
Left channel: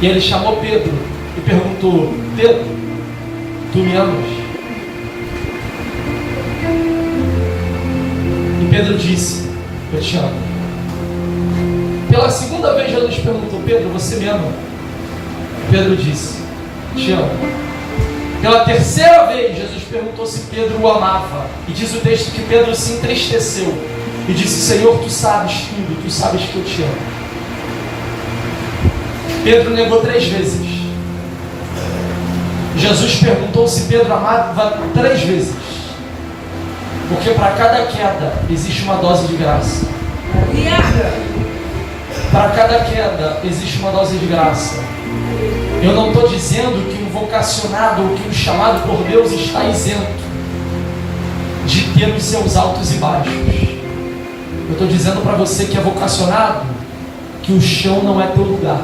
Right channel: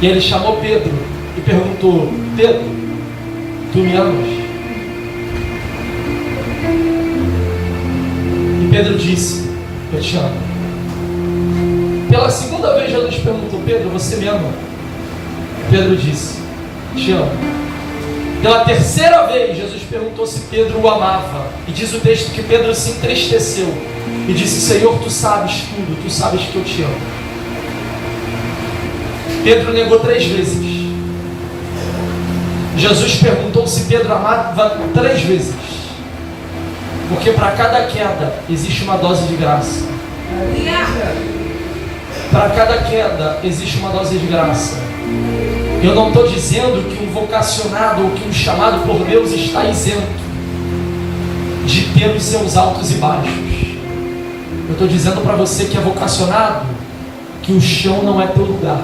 E ele chamou Pedro e perguntou: Pedro, tu me amas? E Pedro disse: eu te amo. Pela segunda vez Jesus perguntou: Pedro, você me ama? Pedro disse: te amo. Pela terceira vez Jesus perguntou se Pedro o amava. E diz o texto que Pedro se entristeceu e disse: Senhor, tu sabes tudo, tu sabes que eu te amo. Pedro negou 3 vezes. Jesus perguntou se Pedro amava 3 vezes. Porque para cada queda existe uma dose de graça. Para cada queda existe uma dose de graça. Eu não estou dizendo que um vocacionado ou que um chamado por Deus está isento de ter os seus altos e baixos. Eu estou dizendo para você que é vocacionado que o chão não é teu lugar.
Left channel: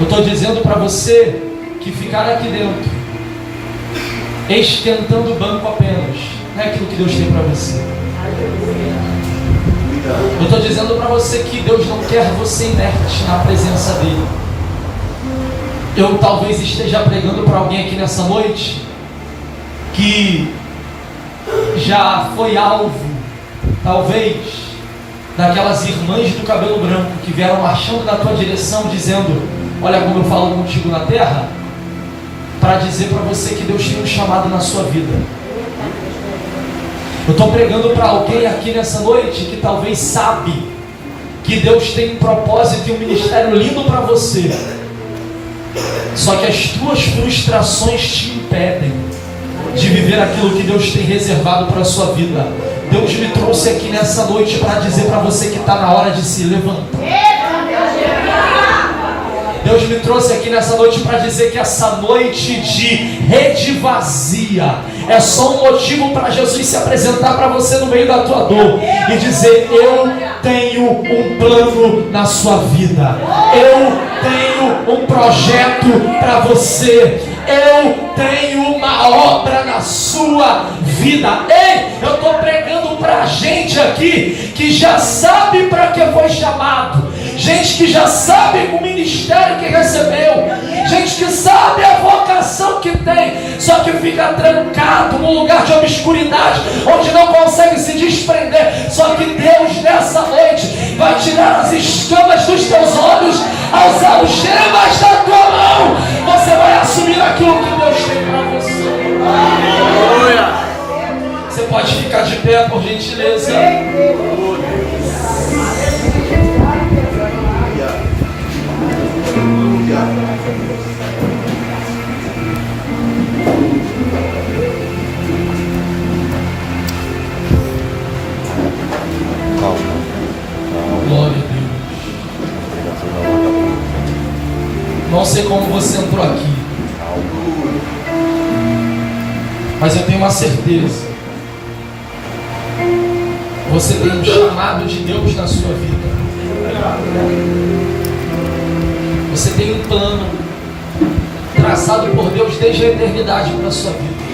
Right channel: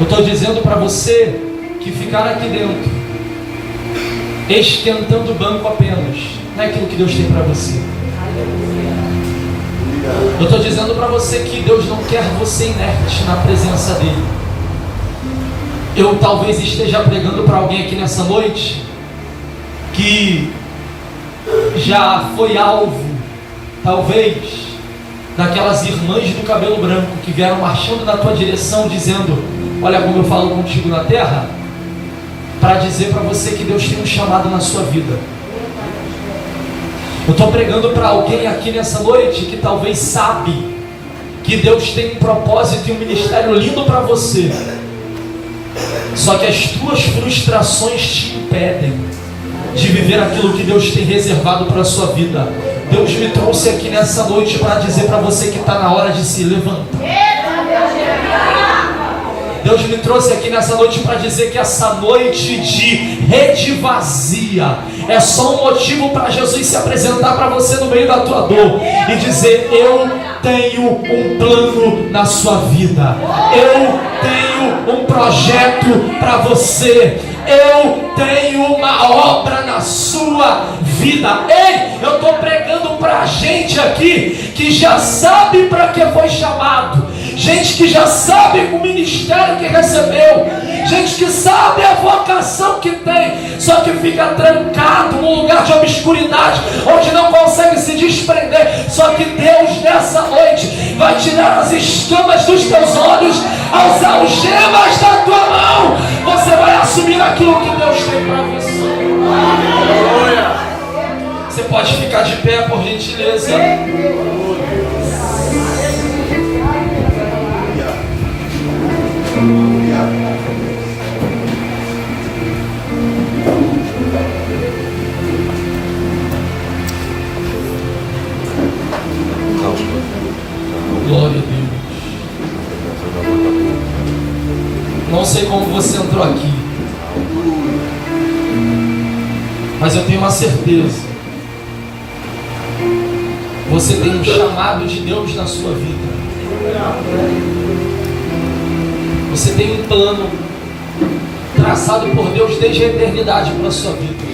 Eu estou dizendo para você que ficar aqui dentro esquentando o banco apenas não é aquilo que Deus tem para você. Eu estou dizendo para você que Deus não quer você inerte na presença dele. Eu talvez esteja pregando para alguém aqui nessa noite que já foi alvo, talvez, daquelas irmãs do cabelo branco que vieram marchando na tua direção dizendo: olha como eu falo contigo na terra, para dizer para você que Deus tem um chamado na sua vida. Eu estou pregando para alguém aqui nessa noite que talvez sabe que Deus tem um propósito e um ministério lindo para você, só que as tuas frustrações te impedem de viver aquilo que Deus tem reservado para a sua vida. Deus me trouxe aqui nessa noite para dizer para você que está na hora de se levantar. Deus me trouxe aqui nessa noite para dizer que essa noite de rede vazia é só um motivo para Jesus se apresentar para você no meio da tua dor e dizer: eu tenho um plano na sua vida, eu tenho um projeto para você, eu tenho uma obra na sua vida. Ei, eu estou pregando para gente aqui que já sabe para que foi chamado, gente que já sabe o ministério que recebeu, gente que sabe a vocação que tem, só que fica trancado num lugar de obscuridade, onde não consegue se desprender. Só que Deus nessa noite vai tirar as escamas dos teus olhos, as algemas da tua mão. Você vai assumir aquilo que Deus tem para você. Você pode ficar de pé, por gentileza. Glória a Deus. Não sei como você entrou aqui, mas eu tenho uma certeza: você tem um chamado de Deus na sua vida. Você tem um plano traçado por Deus desde a eternidade para a sua vida.